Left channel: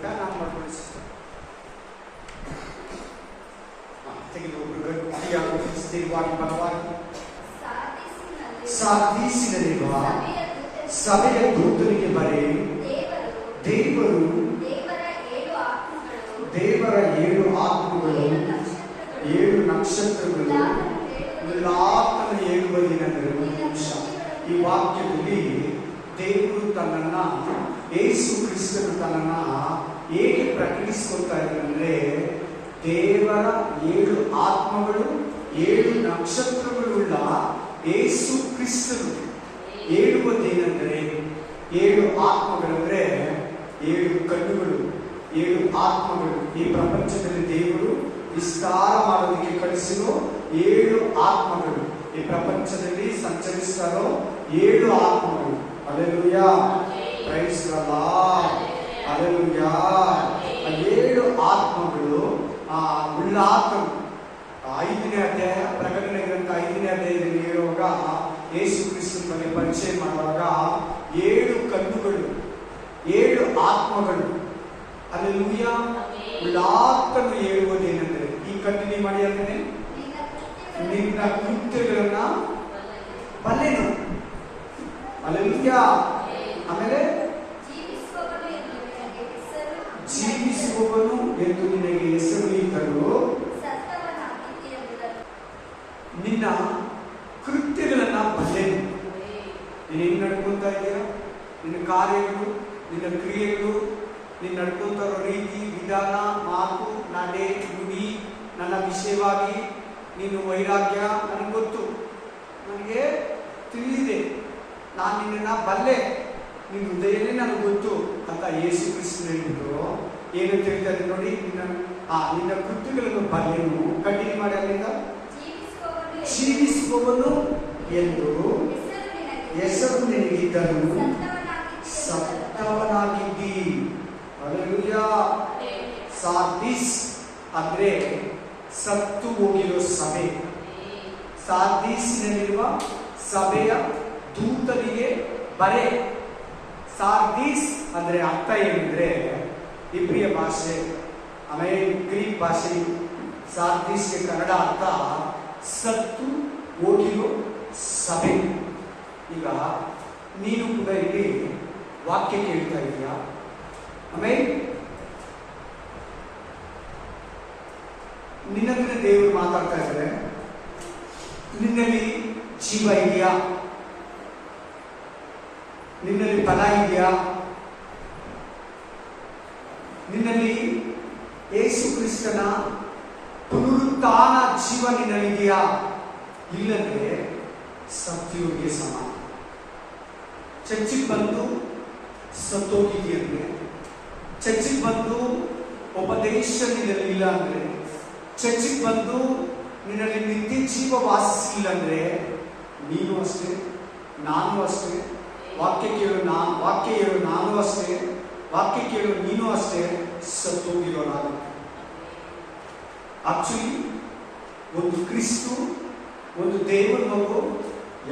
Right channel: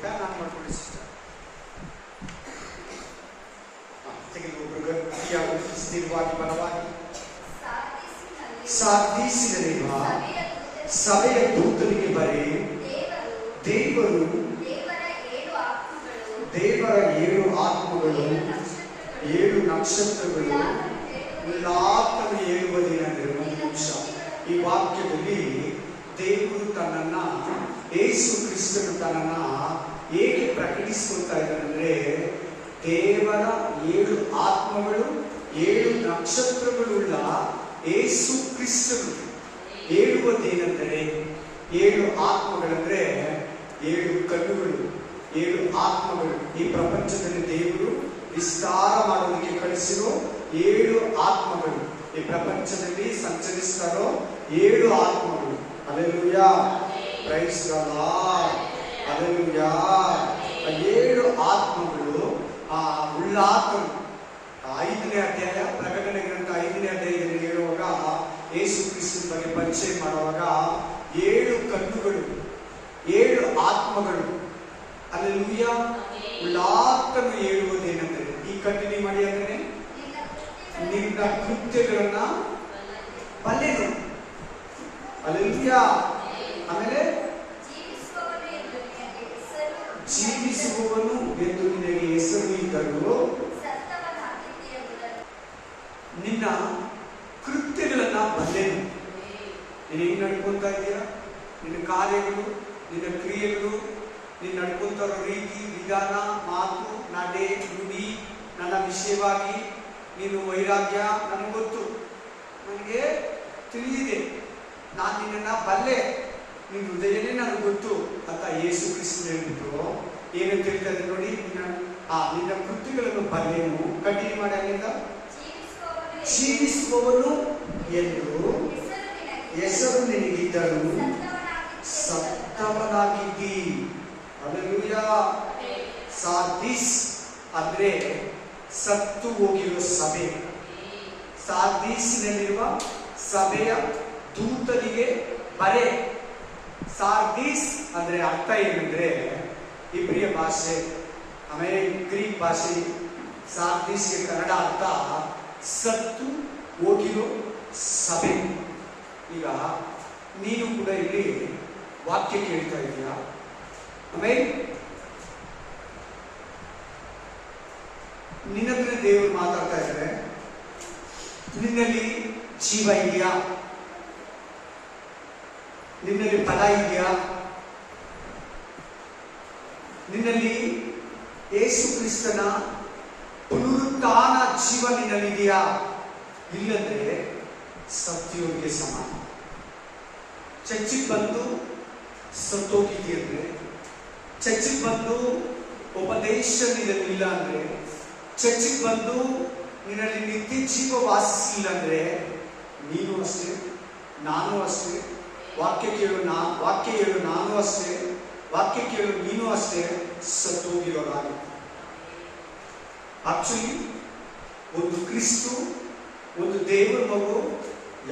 Fan on ಮಾಡ್ಕೊಳ್ಳಿ sister. ತೆಗೆದು ಒಬ್ಬರು ಗಟ್ಟಿಯಾಗಿ ಸ್ಥಿರವಾಗಿ ಬಲವಾಗಿ ಸಾರ್ದೀಸಿನಲ್ಲಿರುವ ಸಭೆಯ ದೂತನಿಗೆ ಬರೆ, ದೇವರು ದೇವರ 7 ಆತ್ಮಗಳು 7 ನಕ್ಷತ್ರಗಳು ಉಲ್ಲಾಸನ ಹೇಳುವುದೇನೆಂದರೆ, ಒಂದು ನಿಮಿಷ, ಈ ವಾಕ್ಯದಲ್ಲಿ ದೇವರು ತನ್ನನ್ನ, ಯೇಸು ಕ್ರಿಸ್ತನು ತನ್ನನ್ನ ಹೇಗೆ ಪ್ರಕಟಿಸಿಕೊಳ್ತಾ ಇದ್ದಾನೆಂದ್ರೆ, ದೇವರ 7 ಆತ್ಮಗಳು 7 ನಕ್ಷತ್ರಗಳುಳ್ಳ ಯೇಸು ಕ್ರಿಸ್ತನು ಹೇಳುವುದೇನೆಂದರೆ, 7 ಆತ್ಮಗಳಂದ್ರೆ 7 ಕಣ್ಣುಗಳು, 7 ಆತ್ಮಗಳು. ಈ ಪ್ರಪಂಚದಲ್ಲಿ ದೇವರು ವಿಸ್ತಾರ ಮಾಡೋದಕ್ಕೆ ಕಳಿಸಿರೋ 7 ಆತ್ಮಗಳು, ಈ ಪ್ರಪಂಚದಲ್ಲಿ ಸಂಚರಿಸ್ತಾರೋ 7 ಆತ್ಮಗಳು. Hallelujah, praise the lord, hallelujah. 7 ಆತ್ಮಗಳು ಉಲ್ಲಾಸರು. 5ನೇ ಅಧ್ಯಾಯ, ಪ್ರಕಟಣೆ ಗ್ರಂಥ 5ನೇ ಅಧ್ಯಾಯದಲ್ಲಿ ಹೇಳುವಾಗ, ಯೇಸು ಕ್ರಿಸ್ತನ ಬಗ್ಗೆ ಪರಿಚಯ ಮಾಡುವಾಗ 7 ಕಣ್ಣುಗಳು 7 ಆತ್ಮಗಳು. ಹಲ್ಲೆಲೂಯಾ. ಉಲ್ಲಾಸನು ಹೇಳುವುದೇನೆಂದರೆ, ಈ ಕಂಟಿನ್ಯೂ ಮಾಡಿ, ಅದನ್ನೇ, ನಿನ್ನ ಕೃತ್ಯಗಳನ್ನ ಬಲ್ಲೆನು. ಹಲ್ಲೆಲೂಯಾ. ಆಮೇಲೆ ಜೀವಿಸುವವನು ಎಂದು ನಿನಗೆ ಹೆಸರು ಇದ್ದರೂ ನಿನ್ನ ಕೃತ್ಯಗಳನ್ನ ಬಲ್ಲೆನು. ನೀನು ಹೆಂಗ್ ನಡ್ಕೊಂತ ಇದೆಯಾ, ನಿನ್ನ ಕಾರ್ಯಗಳು, ನಿನ್ನ ಕ್ರಿಯೆಗಳು, ನೀನು ನಡ್ಕೊಂತ ಇರೋ ರೀತಿ, ವಿಧಾನ, ಮಾತು, ನಡೆ, ನುಡಿ, ನನ್ನ ವಿಷಯವಾಗಿ ನೀನು ವೈರಾಗ್ಯ ನನಗೆ ಗೊತ್ತು, ನನಗೆ ತಿಳಿದಿದೆ, ನಾನು ನಿನ್ನನ್ನು ಬಲ್ಲೆ, ನಿನ್ನ ಹೃದಯನೇ ನನಗೆ ಗೊತ್ತು ಅಂತ ಯೇಸು ಕ್ರಿಸ್ತನು ಹೇಳಿದ್ರು. ಏನು ತಿಳಿತಾರೆ ನೋಡಿ, ನಿನ್ನ ಕೃತ್ಯಗಳನ್ನು ಬಲ್ಲೆನು. ಕಂಟಿನ್ಯೂ ಮಾಡಿ ಅಲ್ಲಿಂದ, ಜೀವಿಸುವವನು ಎಂದು ಹೆಸರು ನಿನಗಿದ್ದರೂ ಸತ್ತವನಾಗಿದ್ದಿ. ಹಲ್ಲೆಲೂಯಾ. ಸಾರ್ದಿಸ್ ಅಂದ್ರೆ ಸತ್ತು ಹೋಗಿರೋ ಸಭೆ. ಸಾರ್ದೀಸಿನಲ್ಲಿರುವ ಸಭೆಯ ದೂತನಿಗೆ ಬರೆ. ಸಾರ್ದೀಸ್ ಅಂದ್ರೆ ಅರ್ಥ ಏನಂದ್ರೆ, ಇಬ್ರಿಯ ಭಾಷೆ, ಆಮೇಲೆ ಗ್ರೀಕ್ ಭಾಷೆ, ಸಾರ್ದೀಸ್ಗೆ ಕನ್ನಡ ಅರ್ಥ ಸತ್ತು ಹೋಗಿರೋ ಸಭೆ. ಈಗ ನೀನು ಕೂಡ ಇಲ್ಲಿ ವಾಕ್ಯ ಕೇಳ್ತಾ ಇದೀಯಾ, ಆಮೇಲೆ ನಿನ್ನ ಹತ್ರ ದೇವರು ಮಾತಾಡ್ತಾ ಇದ್ದಾರೆ, ನಿನ್ನಲ್ಲಿ ಜೀವ ಇದೆಯಾ, ನಿನ್ನಲ್ಲಿ ಫಲ ಇದೆಯಾ, ನಿನ್ನಲ್ಲಿ ಯೇಸು ಕ್ರಿಸ್ತನ ಪುನರುತ್ಥಾನ ಜೀವ ನಿನ್ನಲ್ಲಿದೆಯಾ? ಇಲ್ಲಂದ್ರೆ ಸತ್ಯೋಗೆ ಸಮಾನ. ಚರ್ಚಿಗೆ ಬಂದು ಸತ್ತೋಗಿದೆಯಂದ್ರೆ, ಚರ್ಚಿಗೆ ಬಂದು ಉಪದೇಶ ನಿನ್ನಲ್ಲಿ ಇಲ್ಲ ಅಂದ್ರೆ, ಚರ್ಚಿಗೆ ಬಂದು ನಿನ್ನಲ್ಲಿ ನಿತ್ಯ ಜೀವ ವಾಸಿಸಿಲ್ಲ ಅಂದ್ರೆ, ನೀನು ಅಷ್ಟೇ, ನಾನು ಅಷ್ಟೇ, ವಾಕ್ಯ ಕೇಳು ನಾನು ಅಷ್ಟೇ, ವಾಕ್ಯ ಕೇಳು ನೀನು ಅಷ್ಟೇ ಸತ್ತೋಗಿರೋನಾಗುತ್ತೆ. ಆಕ್ಚುಲಿ ಒಂದು ಕ್ರಿಸ್ತು, ಒಂದು ದೇವರ ಮಗು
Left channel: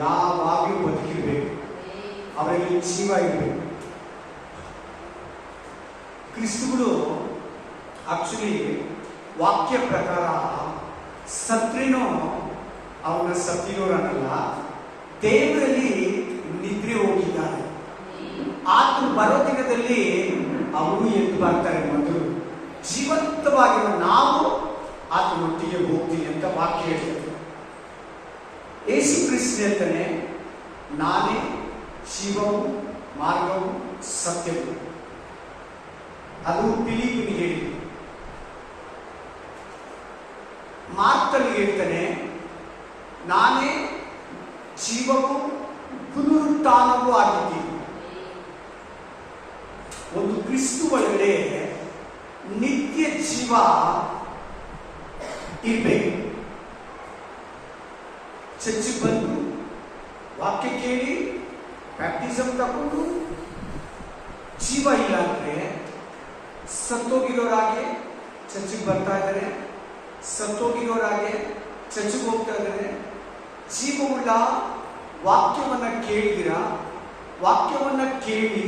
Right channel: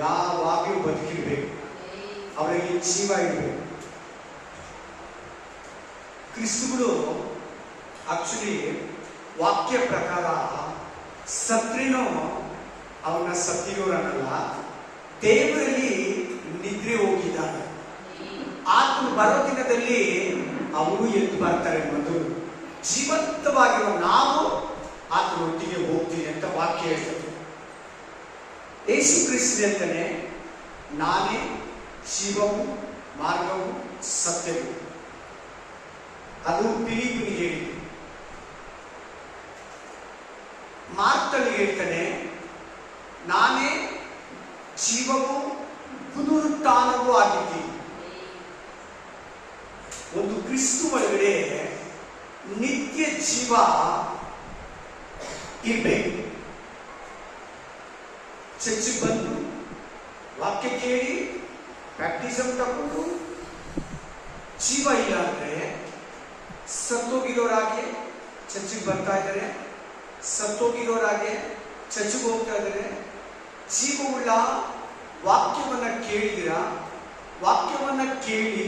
ಯಾವಾಗಲೂ ಬದುಕಿರ್ಬೇಕು, ಅವರಲ್ಲಿ ಜೀವ ಇರಬೇಕು. ಕ್ರಿಸ್ತುಗಳು ಆಕ್ಚುಲಿ ವಾಕ್ಯ ಪ್ರಕಾರ ಸತ್ರೇನೋ ಅವನ ಸತ್ತಿರೋರನ್ನಲ್ಲ, ದೇವರಲ್ಲಿ ನಿದ್ರೆ ಹೋಗಿದ್ದಾನೆ. ಆತನು ಬರೋ ದಿನದಲ್ಲಿ ಅವರು ಎದ್ದು ಬರ್ತಾರೆ, ಮೊದಲು ಜೀವಂತವಾಗಿರುವ ನಾವು ಆತನೊಟ್ಟಿಗೆ ಹೋಗ್ತೀನಿ ಅಂತ ವಾಕ್ಯ ಹೇಳ್ತದೆ. ಯೇಸು ಕ್ರಿಸ್ತ ಹೇಳ್ತಾನೆ, ನಾನೇ ಜೀವವು ಮಾರ್ಗವು ಸತ್ಯವು. ಅದು ಫಿಲಿಪ್ಪನಿಗೆ ಹೇಳಿ. ಮಾರ್ತಳಿಗೆ ಹೇಳ್ತಾನೆ, ನಾನೇ ಜೀವವು ಪುನರುತ್ಥಾನವೂ ಆಗಿದ್ದೀನಿ. ಒಂದು ಕ್ರಿಸ್ತು ಒಳಗಡೆ ನಿತ್ಯ ಜೀವ ಇರ್ಬೇಕು. ಚರ್ಚಿಗೆ ಬಂದು ವಾಕ್ಯ ಕೇಳಿ ಬ್ಯಾಪ್ಟಿಸಮ್ ತಗೊಂಡು ಜೀವ ಇಲ್ಲ ಅಂದ್ರೆ ಸತ್ತೋಗಿರೋರಾಗೆ ಚರ್ಚಿಗೆ ಬರ್ತಾ ಇದ್ದಾರೆ, ಸತ್ತೋಗಿರೋರಾಗೆ ಚರ್ಚಿಗೆ ಹೋಗ್ತಾ ಇದ್ದಾರೆ. ಜೀವವುಳ್ಳ ವಾಕ್ಯವನ್ನ ಕೇಳಿದಿರ, ವಾಕ್ಯವನ್ನ ಕೇಳಿ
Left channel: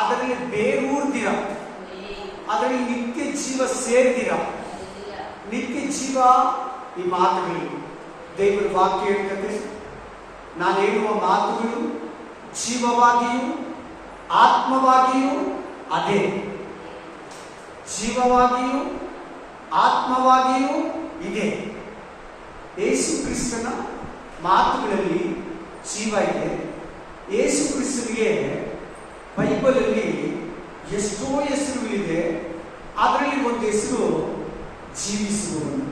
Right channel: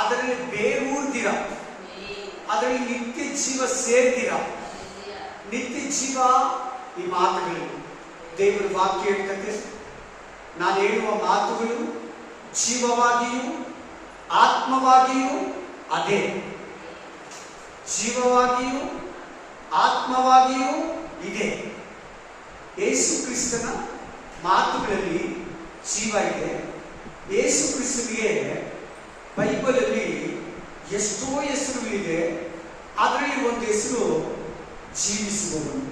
ಅದರಲ್ಲಿ ಬೇರೂರ್ದಿರ, ಅದರಲ್ಲಿ ನಿತ್ಯ ಜೀವ ಸೇರ್ತೀರ. ನಿತ್ಯ ಜೀವ ಈ ಮಾತುಗಳು ದೇವರ ವಾಕ್ಯ ಹೇಳ್ತದೆ. ನಾನು ಹೇಳುವ ಮಾತುಗಳು ಜೀವವಾಗಿಯೂ ಆತ್ಮವಾಗಿಯೂ ಅದೇ. ಜೀವವಾಗಿಯೂ ಆತ್ಮವಾಗಿಯೂ ಇದೆ. ಯೇಸು ಕ್ರಿಸ್ತನ ಮಾತುಗಳಲ್ಲಿ ಜೀವ ಇದೆ. ಯೇಸು ಕ್ರಿಸ್ತನಿಗೆ ಬೈಬಲಲ್ಲಿ ಎಷ್ಟೋ ಹೆಸರುಗಳಿದೆ. ಅದರಲ್ಲಿ ಒಂದು ಹೆಸರು ಜೀವಿಸುವವನು,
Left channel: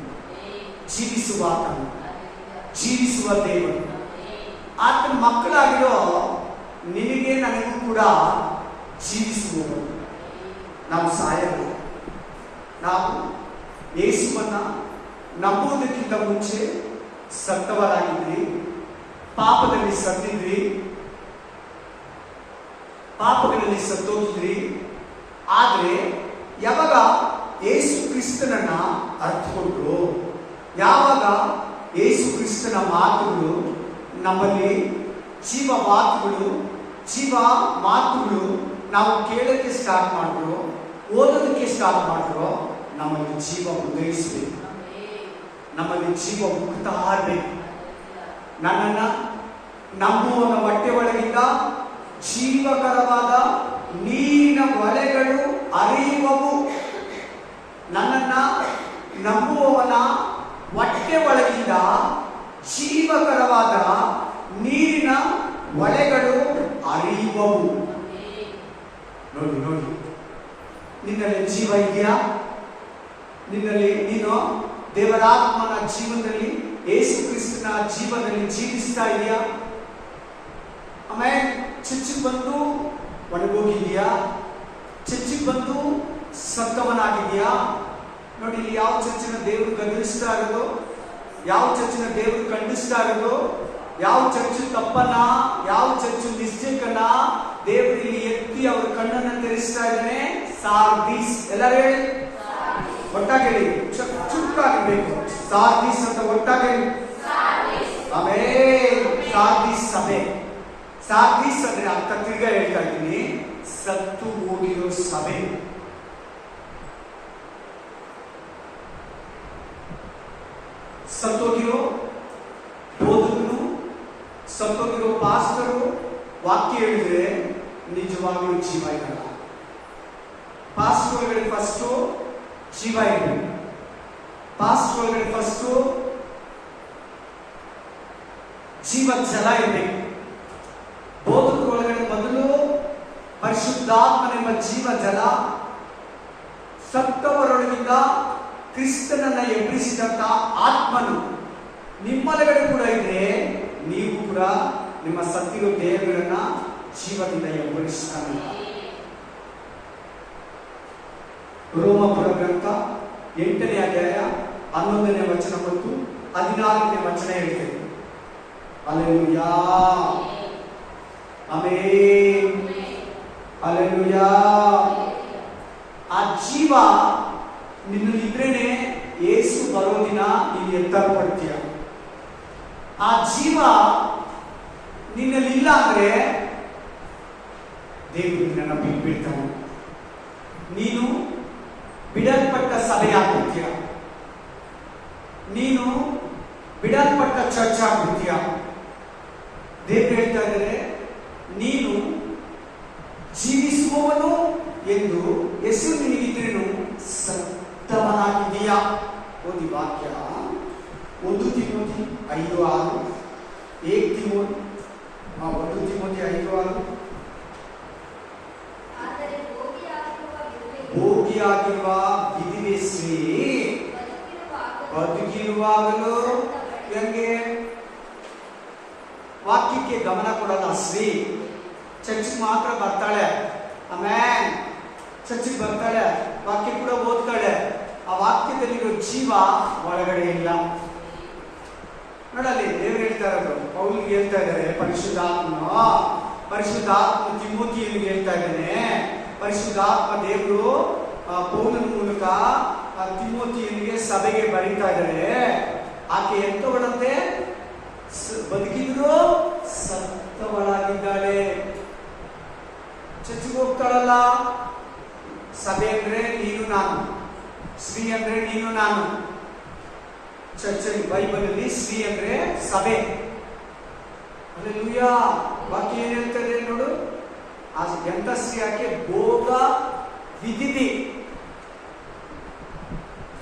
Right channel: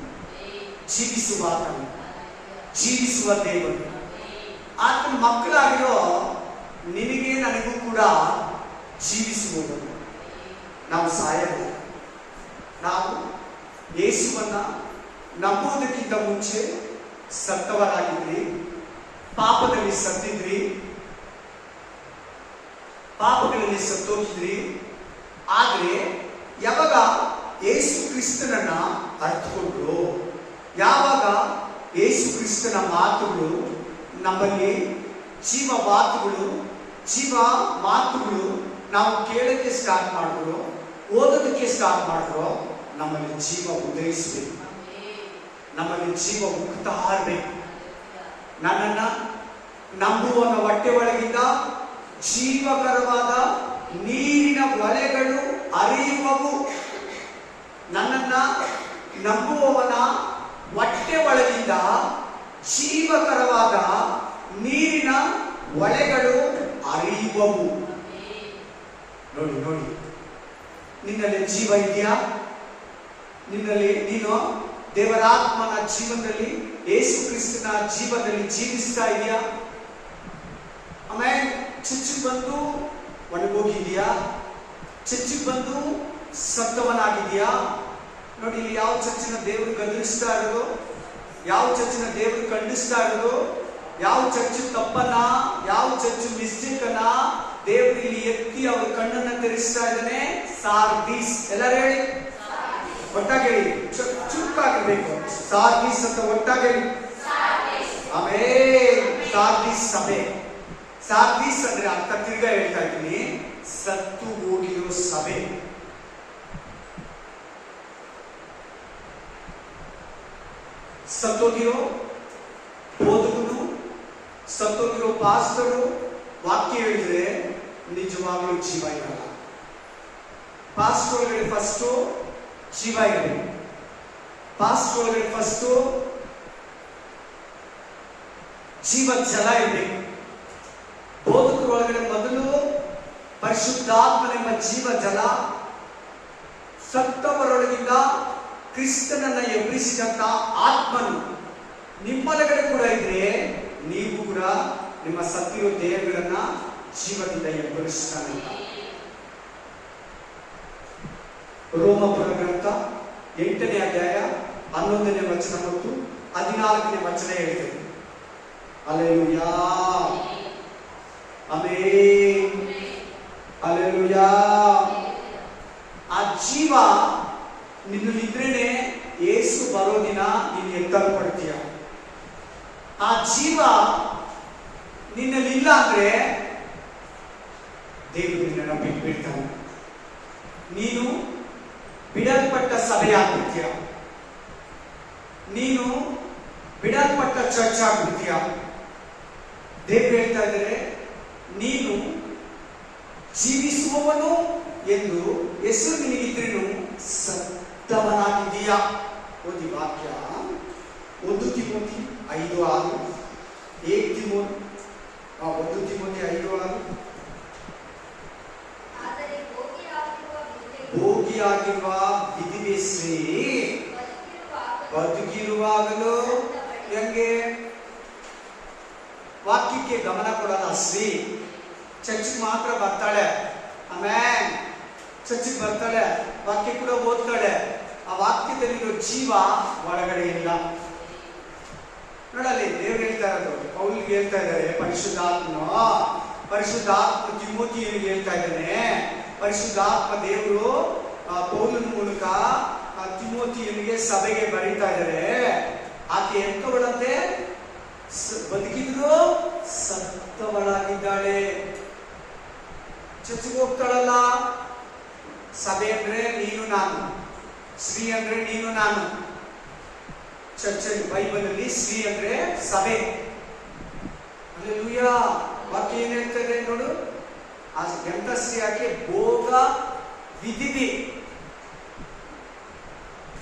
ಜೀವಿಸುವಾತನು, ಜೀವಿಸುವ ದೇವರು. ಆತನ ಮಕ್ಕಳಾಗಿರೋ ನಿನಗೆ ನನಗೂ ಕೂಡ ಜೀವಿಸುವವನು. ನಾವು ಸಾಯಲ್ಲ. ನಾವು ಯೇಸುವನ್ನ ನಂಬುವುದಕ್ಕಿಂತ ಮುಂಚೆ ಸತ್ತವರಾಗಿದ್ರಿ, ಪಾಪದಲ್ಲಿ ಸತ್ತಿದ್ರಿ, ಪಾಪಗಳಲ್ಲಿ ಸತ್ತೋಗಿದ್ರಿ. ಆದರೆ ಯಾವಾಗ ಯೇಸು ಕ್ರಿಸ್ತನನ್ನ ಅರ್ಥಕೊಂಡ್ರು, ಯಾವಾಗ ಯೇಸು ಕ್ರಿಸ್ತನ ಮಾತುಗಳು ನಮ್ಮಲ್ಲಿ ಜೀವ ಮಾತುಗಳು, ಜೀವ ಮಾತುಗಳು ನಾವು ಕೇಳಕ್ಕೆ ಸ್ಟಾರ್ಟ್ ಮಾಡಿದ್ರು, ಓದೋದಕ್ಕೆ ಸ್ಟಾರ್ಟ್ ಮಾಡಿದ್ರು, ನಮ್ಮಲ್ಲಿ ಜೀವ ಉದಯಿಸಬೇಕು, ನಮ್ಮಲ್ಲಿ ಜೀವ ಉಗ್ತಾ ಇರಬೇಕು. ನನ್ನನ್ನ ನಂಬುವನ ಹೊಟ್ಟೆ ಒಳಗಿಂದ ಜೀವಕರವಾದ ನೀರಿನ ಹೊಳೆಗಳು ಹರಿಯುವವು. ನನ್ನನ್ನ ನಂಬುವವನ ಹೊಟ್ಟೆ ಒಳಗಿಂದ ಜೀವಕರವಾದ ನೀರಿನ ಹೊಳೆಗಳು ಹರಿಯುವವು. ನೋಡಿ ನೋಡಿ, ನಿನ್ನಲ್ಲಿ ಜೀವ ಇದೆಯಾ? ನಿನ್ನಲ್ಲಿ ನೀನು ದೇವರಾತ್ಮನ ಜೀವನದಲ್ಲಿ, ಯೇಸು ಕ್ರಿಸ್ತನ ಜೀವನದಲ್ಲಿ ಜೀವಿಸ್ತಾ ಇದೆಯಾ? ಆಮೇಲೆ ಚರ್ಚಿಗೆ ಬಂದು ಒಣಗೋಗಿದ್ಯಾ? ಚರ್ಚಿಗೆ ಬಂದು ಸತ್ತವನಾಗಿದ್ಯಾ? ನೋಡಿ, ಇಲ್ಲಿ ಯಾವ ಚರ್ಚಿನ ದೇವರು ಗದರಿಸ್ತಾ ಇರೋದು, ಯಾವ ಚರ್ಚಿನ ದೇವರು ಖಂಡಿಸ್ತಾ ಇರೋದು, ಯಾವ ಚರ್ಚ್ ತಪ್ಪನ್ನ, ಯಾವ ಚರ್ಚ್ ಮಿಸ್ಟೇಕ್ ಅನ್ನ ದೇವರು ಇಲ್ಲಿ ಎತ್ತಿ ಅವ್ರ ಕಣ್ಣನ್ನ ತೆರೆಸ್ತಾ ಇದ್ದಾನೆ. ಸಾರ್ದೀಸ್. ಎಲ್ಲರೂ ಹೇಳಿ, ಒಟ್ಟಾಗಿ ಹೇಳಿ, ಚುರುಕಾಗಿರ್ಬೇಕು. ಸಾರ್ದೀಸ್ ಅಂತ ಒಟ್ಟಾಗಿ ಹೇಳಿ. ಆಮೇಲೆ ಸಾರ್ದೀಸ್ ಸಭೆ. ಸಾರ್ದೀಸ್ ಅಂದ್ರೆ ಅರ್ಥ ತಿರ್ಗಾ ಹೇಳ್ತಾ ಇದ್ದೀನಿ, ಸತ್ತು ಹೋಗಿರೋ ಸಭೆ. ಸತ್ತೋಗಿರೋ ಬೋಧಕನು, ಸತ್ತೋಗಿರೋ ಪಾಸ್ಟರು ವಾಕ್ಯ ಹೇಳಿದ್ರೆ ನಿಜವಾಗ್ಲೂ ಜೀವ ಇರಲ್ಲ. ಪಾಸ್ಟ್ ಒಳಗಡೆ ಫಸ್ಟು ಜೀವ ಇದೆ. ಪಾಸ್ಟ್ ಒಳಗಡೆ ಫಸ್ಟು ಜೀವ ಜಲ ಇರಬೇಕು. ಬೋಧಕರ ಒಳಗಡೆ ಮೊದಲು ಪರಿಶುದ್ಧಾತ್ಮನೆಂಬ ಜೀವ ಜಲ, ಸತ್ತವರೊಳಗಿಂದ ಕ್ರಿಸ್ತನನ್ನ ಎಬ್ಬಿಸಿದಂತ ಆತ್ಮನು ನಿಮ್ಮೊಳಗಡೆ ಕೂಡ ಇದ್ರೆ, ನೀವು ಕೂಡ ನಿಮ್ಮ ಸತ್ತಿರೋ ದೇಹಗಳನ್ನ ಜೀವದಿಂದ ಎಬ್ಬರಿಸ್ತಾನೆ. ರೋಮಪುರ ಗ್ರಂಥ 8ನೇ ಅಧ್ಯಾಯ 11ನೇ ವಚನ ಮತ್ತು 14ನೇ ವಚನ ಹೇಳ್ತೇವೆ. Hallelujah, amen, hallelujah. ಆ ಜೀವ ನಿನ್ನಲ್ಲಿದ್ರೇನೆ ಯೇಸು ಬರೋ ದಿನ ನೀನು ಎತ್ತಲ್ಪಡ್ತೀಯ. ಆ ಜೀವ ನಿನ್ನಲ್ಲಿಲ್ಲ ಅಂದ್ರೆ ದೇವರು ನಿನ್ನನ್ನು ಬಿಟ್ಬಿಡ್ತಾನೆ. ನೀನು ಬಿಡಲ್ಪಟ್ಟ ಸಭೆಯಾಗ್ಬಿಡ್ತೀಯ, ನೀನು ಬಿಡಲ್ಪಟ್ಟ ಚರ್ಚ್ ಆಗ್ಬಿಡ್ತೀಯ. ದೇವರು ಹೇಳ್ತಾ ಇದ್ದಾರೆ, ನೀನು ಜೀವಿಸುವವನು ಎಂದು ಹೆಸರು ನಿನಗಿದ್ರೇನು ಸತ್ತವನಾಗಿದ್ದೀಯಾ. ಓದಿ ವಾಕ್ಯ 1 ತಿಮೋಥಿ 5:6, 1 ತಿಮೋಥಿ 5:6. ಭೋಗಿಯಾಗಿರುವ ವಿಧಿವೆ ಸ್ತ್ರೀ ಬದುಕಿರುವಾಗಲೂ ಹೆಂಗೆ? ವಾಕ್ಯಕ್ಕೆ ಗಮನ ಕೊಡಲ್ಲ ಸ್ತ್ರೀ. ಚರ್ಚಿಗೆ ಮಾತ್ರ ಬರ್ತಾಳೆ, ಆಮೇಲೆ ಚರ್ಚಿಗೆ ಬರ್ತಾಳೆ, ವಾಕ್ಯ ಕೂಡ ಓದ್ತಾಳೆ. ಆ ವಾಕ್ಯದಲ್ಲಿರೋ ಜೀವ ಒಳಗಡೆ ಇಲ್ಲ. ನೋಡಲ್ಲಿ ದೇವ್ರು ಹೇಳ್ತಾ ಇರೋದು, ಪೌಲ್ಗೆ ಹೇಳ್ತಾ ಇದ್ದಾರೆ, ಪರಿಶುದ್ಧಾತ್ಮ ತಿಮೋಥಿಯನಿಗೆ ಹೇಳ್ತಾ ಇದ್ದಾನೆ. ಪರಿಶುದ್ಧಾತ್ಮ ದೇವರು ಪೌಲನ ಮೂಲಕ ತಿಮೋಥಿಯನಿಗೆ ಸಭೆಗೆ ಬರೀತಾ ಇದ್ದಾರೆ. ಆಕೆ ಎಂತವಳಂತೆ? ಬದುಕಿದ್ರು ಸತ್ತವಳಾಗಿದ್ದಾಳೆ. ಚರ್ಚಿಗೆ ಹೋಗ್ತಾಳಲ್ಲ, ಸಭೆ ಅಂದ್ರೆ ನೀನು ನಾನು, ಶ್ರೀ ಅಂದ್ರೆ ನೀನು ನಾನು. ಚರ್ಚಲ್ಲಿ ಬೈಬಲ್ ಅಲ್ಲಿ ಶ್ರೀ ಅಂದ್ರೆ ಸಭೆ. ಹಲ್ಲೆಲೂಯಾ. ವಾಕ್ಯ ಏನ್ ಹೇಳ್ತದೆ ನೋಡು, ಆ ಎಂತ ಶ್ರೀ ಯಾಕೆ ಭೋಗ ವಿಧಿದೆ.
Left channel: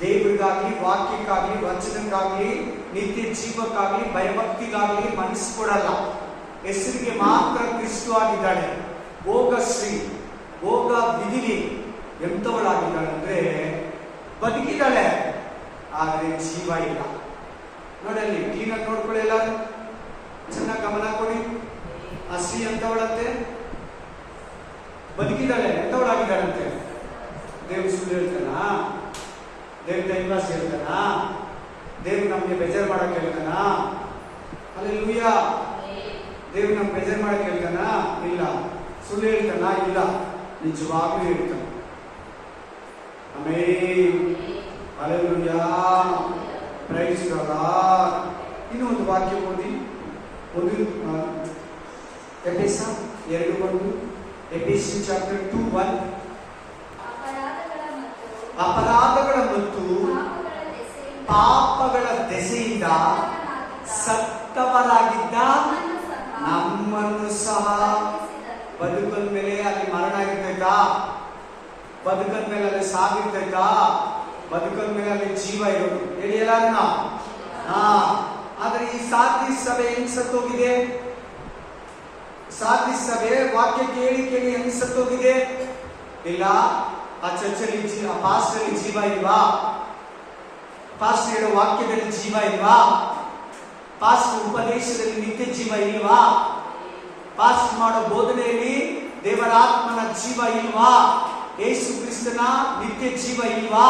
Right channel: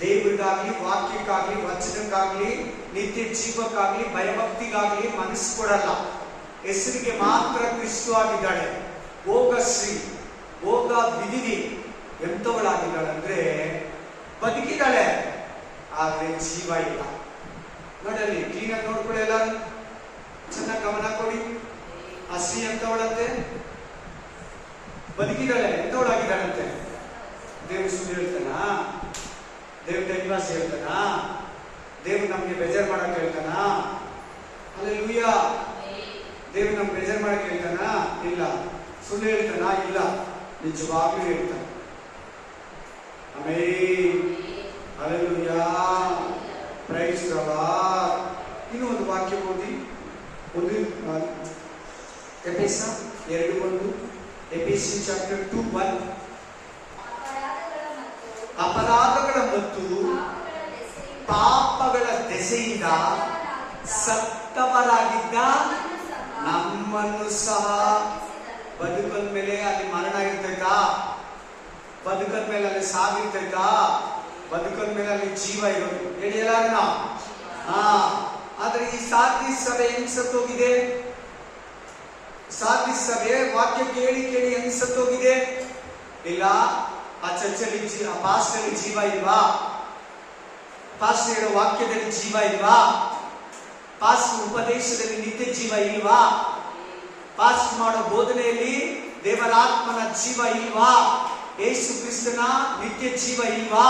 ದೇವರಿಗಾಗ್ಲಿ, ವಾಕ್ಯಕ್ಕಾಗ್ಲಿ, ವಚನಕ್ಕಾಗ್ಲಿ, ನಿತ್ಯ ಜೀವಕ್ಕಾಗ್ಲಿ, ಭಯಭಕ್ತಿಗಾಗ್ಲಿ ಮನಸ್ಸು ಕೊಡಲ್ಲ. ಹೆಸರಿಗೆ ಮಾತ್ರ ಕ್ರಿಸ್ತು ಆಗಿದ್ದಾಳೆ. ಭೋಗಶ್ರೀ, ಭೋಗ ವಿಧಿನಿ ಎಂತವಳಾಗಿದ್ದಾಳೆ ಅಂದ್ರೆ ಬದುಕಿದ್ದಾಳೆ, ಆದ್ರೆ ಜೀವ ಇಲ್ಲ. ನೋಡಲ್ಲಿ ಕ್ಲೀನಾಗಿ ನೋಡ್ಕೊಳ್ಳಿ, ಎಲ್ಲರೂ ಚೆನ್ನಾಗಿ ಗಮನ ಕೊಡಿ. ಆ ಸ್ತ್ರೀ ಎಂತವಳಂತೆ? ಬದುಕಿದ್ದಾಳೆ, ಎಂತವಳಾಗಿದ್ದಾಳಂತೆ? ದೇವ್ರು ಸುಳ್ಳು ಹೇಳ್ತಾನ? ದೇವ್ರ ಟೈಮ್ಪಾಸ್ ಹೇಳ್ತಾನ? ದೇವ್ರು ನಮ್ಗೆ ಬೇಜಾರು ಮಾಡಕ್ ಹೇಳ್ತಾನ? ಹಲ್ಲೆಲೂಯಾ. ದೇವ್ರು ನಮ್ಗೆ ಬೇಜಾರು ಮಾಡಕ್ ಹೇಳ್ತಾನ? ಇಲ್ಲ. ಸುಳ್ಳು ಹೇಳ್ತಾನ? ಇಲ್ಲ. ನಿಜವಾಗ್ಲೂ ಹೇಳ್ತಾನ. ಆಮೆನ್. ಹಲ್ಲೆಲೂಯಾ. Praise God. ಇನ್ನು ಒಂದು ವಾಕ್ಯ ಓದಿ. ಎಫೆಸ 2:1. ಎಫೆಸಿ ಚಾಪ್ಟರ್ 2:1. ಅಪರಾಧಗಳ ಮತ್ತು ಪಾಪಗಳ ದೆಸೆಯಿಂದ ಸತ್ತವರಾಗಿದ್ದ ನಮ್ಮನ್ನು ಸಹ ಬದುಕದ ಮೇಲೆ ಅಲ್ಲಿ ಮರಣ ಇರ್ತೈತಾ? ಬದುಕದ ಮೇಲೆ ಅಲ್ಲಿ ಸಾವಿರ್ತೈತಾ? ಬದುಕದ ಮೇಲೆ ಅಲ್ಲಿ ಜೀವ ಇರೋದು ಹೇಳಿ ಎಲ್ಲಾರನ್ನ. ಆದ್ರೆ ಈ ಸಾರ್ದಿ ಸಭೆ ಹೆಂಗ್ ಸತ್ತೋಗಿದೆ? ಸಾರ್ದಿ ಸಭೆ ವಾಕ್ಯ ಕೇಳಿ ಕೇಳಿ ಹೆಂಗ್ ಸತ್ತೋಗಿದೆ? ಇಲ್ಲ, ಆ ಚರ್ಚಲ್ಲಿ ಆ ಪಾಸ್ಟರ್ ಜೀವ ಇಲ್ವಾ? ಪಾಸ್ಟರ್ ಹೇಳೋ ವಾಕ್ಯದಲ್ಲಿ ಜೀವ ಇಲ್ವಾ? ಪಾಸ್ಟರ್ ಉಪದೇಶದಲ್ಲಿ ನಿತ್ಯ ಜೀವ ಇಲ್ವಾ? ಪಾಸ್ಟರ್ ಮಾಡೋ ಬೋಧನೆಯಲ್ಲಿ ದೇವರಾತ್ಮನ ಜೀವ ಇಲ್ವಾ? ಯೇಸು ಕ್ರಿಸ್ತನ ನಿತ್ಯ ಜೀವ ಇಲ್ವಾ?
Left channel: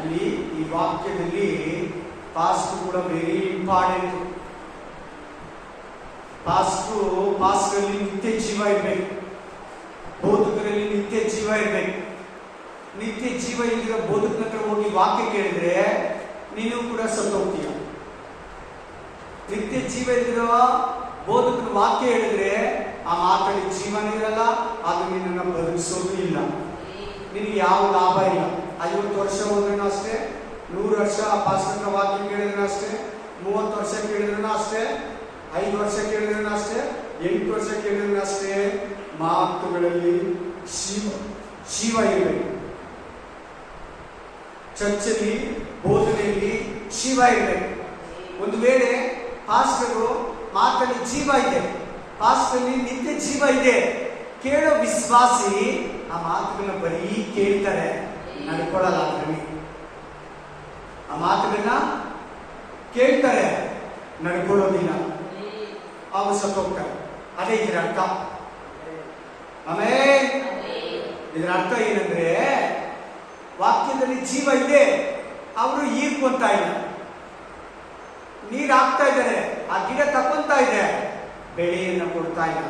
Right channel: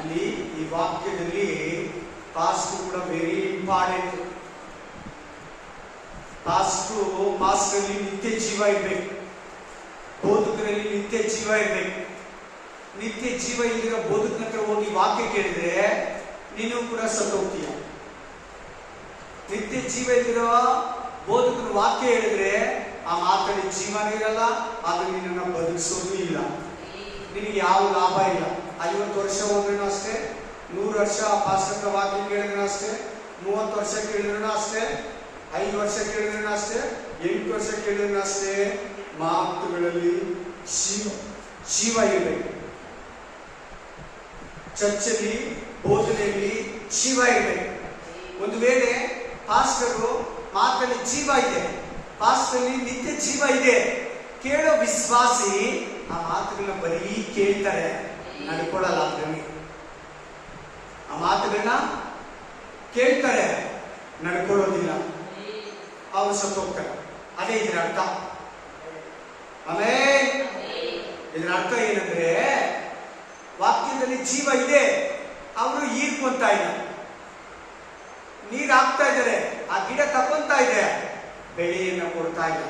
ಇಲ್ಲಿ ಈ ವಾಕ್ಯದಲ್ಲಿ ಪಾಸ್ಟರ್ ಕೂಡ ವೆರಿ ಇಂಪಾರ್ಟೆಂಟ್. ಪಾಸ್ಟರಲ್ಲಿ ನಿತ್ಯ ಜೀವ ಇರ್ಬೇಕು, ಬೋಧಕರಲ್ಲಿ ನಿತ್ಯ ಜೀವ ಇರ್ಬೇಕು. ನಿತ್ಯ ಜೀವ ಇಲ್ಲಿರೋ ಬೋಧಕನ ಹತ್ರ ಹೋಗಿ ವಾಕ್ಯ ಕೇಳಿದ್ರೆ ನೀನು ಕೂಡ ಸತ್ತೋಗ್ತೀಯ. ನಿತ್ಯ ಜೀವ ಇಲ್ಲಿರೋ ಬೋಧಕನ ವಾಕ್ಯ ಹೇಳಿದ್ರೆ ಆ ಮಾತಲ್ಲಿ ಜೀವನ ಇರಲ್ಲ, ಅದು ನಿನ್ನನ್ನು ಬದುಕಿಸೋದು ಇಲ್ಲ. ನಿನಗೆ ಯಾವ ಲಾಭ ಇಲ್ಲ. 50 ವರ್ಷ ಹೋದ್ರೂ ಅಷ್ಟೇ, 100 ವರ್ಷ ಪಾಸ್ಟರ್ನ ವಾಕ್ಯ ಕೇಳಿದ್ರೂ ಅಷ್ಟೇ, 30 ವರ್ಷ ಕೇಳಿದ್ರೂ ಅಷ್ಟೇ, 5 ವರ್ಷ ಕೇಳಿದ್ರೂ ಅಷ್ಟೇ, 8 ವರ್ಷ ಕೇಳಿದ್ರೂ ಅಷ್ಟೇ. ಮಾತುಗಳಲ್ಲಿ ಜೀವ ಇರಬೇಕು. ಚರ್ಚಲ್ಲಿ ಬೋಧನೆಯಲ್ಲಿ ಜೀವ ಇರಬೇಕು. ಒಂದು ವೇಳೆ ಪಾಸ್ಟರು ಮಾತಲ್ಲಿ ಜೀವ ಇದೆ, ಪಾಸ್ಟರಲ್ಲಿ ನಿತ್ಯ ಜೀವ ಇದೆ, ಕೇಳೋ ವಿಶ್ವಾಸಿ ಆ ಮಾತುಗಳನ್ನ ಬರೀ ಕೇಳ್ತಾರೆ, ನಡ್ಕೊಳ್ಳಲ್ಲ. ಅದರಲ್ಲಿ ಆ ಮಾತುಗಳನ್ನ ಕೇಳ್ತಾರೆ, ನಡ್ಕೊಳ್ಳೋದಿಲ್ಲ, ಅವರು ಸತ್ತೋಗ್ತಾರೆ. ಅದೇ ಇದರ ಅರ್ಥ. ಆಮೇಲೆ ಇದರ ಅರ್ಥ ಏನಂದ್ರೆ ವಾಕ್ಯದಲ್ಲಿ ಜೀವ ಇದೆ, ಅವರು ಹೀರ್ಕೊಂತ ಇಲ್ಲ, ನೀರು ಹಾಕ್ತಾ ಇದ್ದಾರೆ, ಆ ಗಿಡ ತಕೊಂತ ಇದೆ, ಬೆಳೆಯನ್ನು ಕೊಡ್ತಾ ಇಲ್ಲ,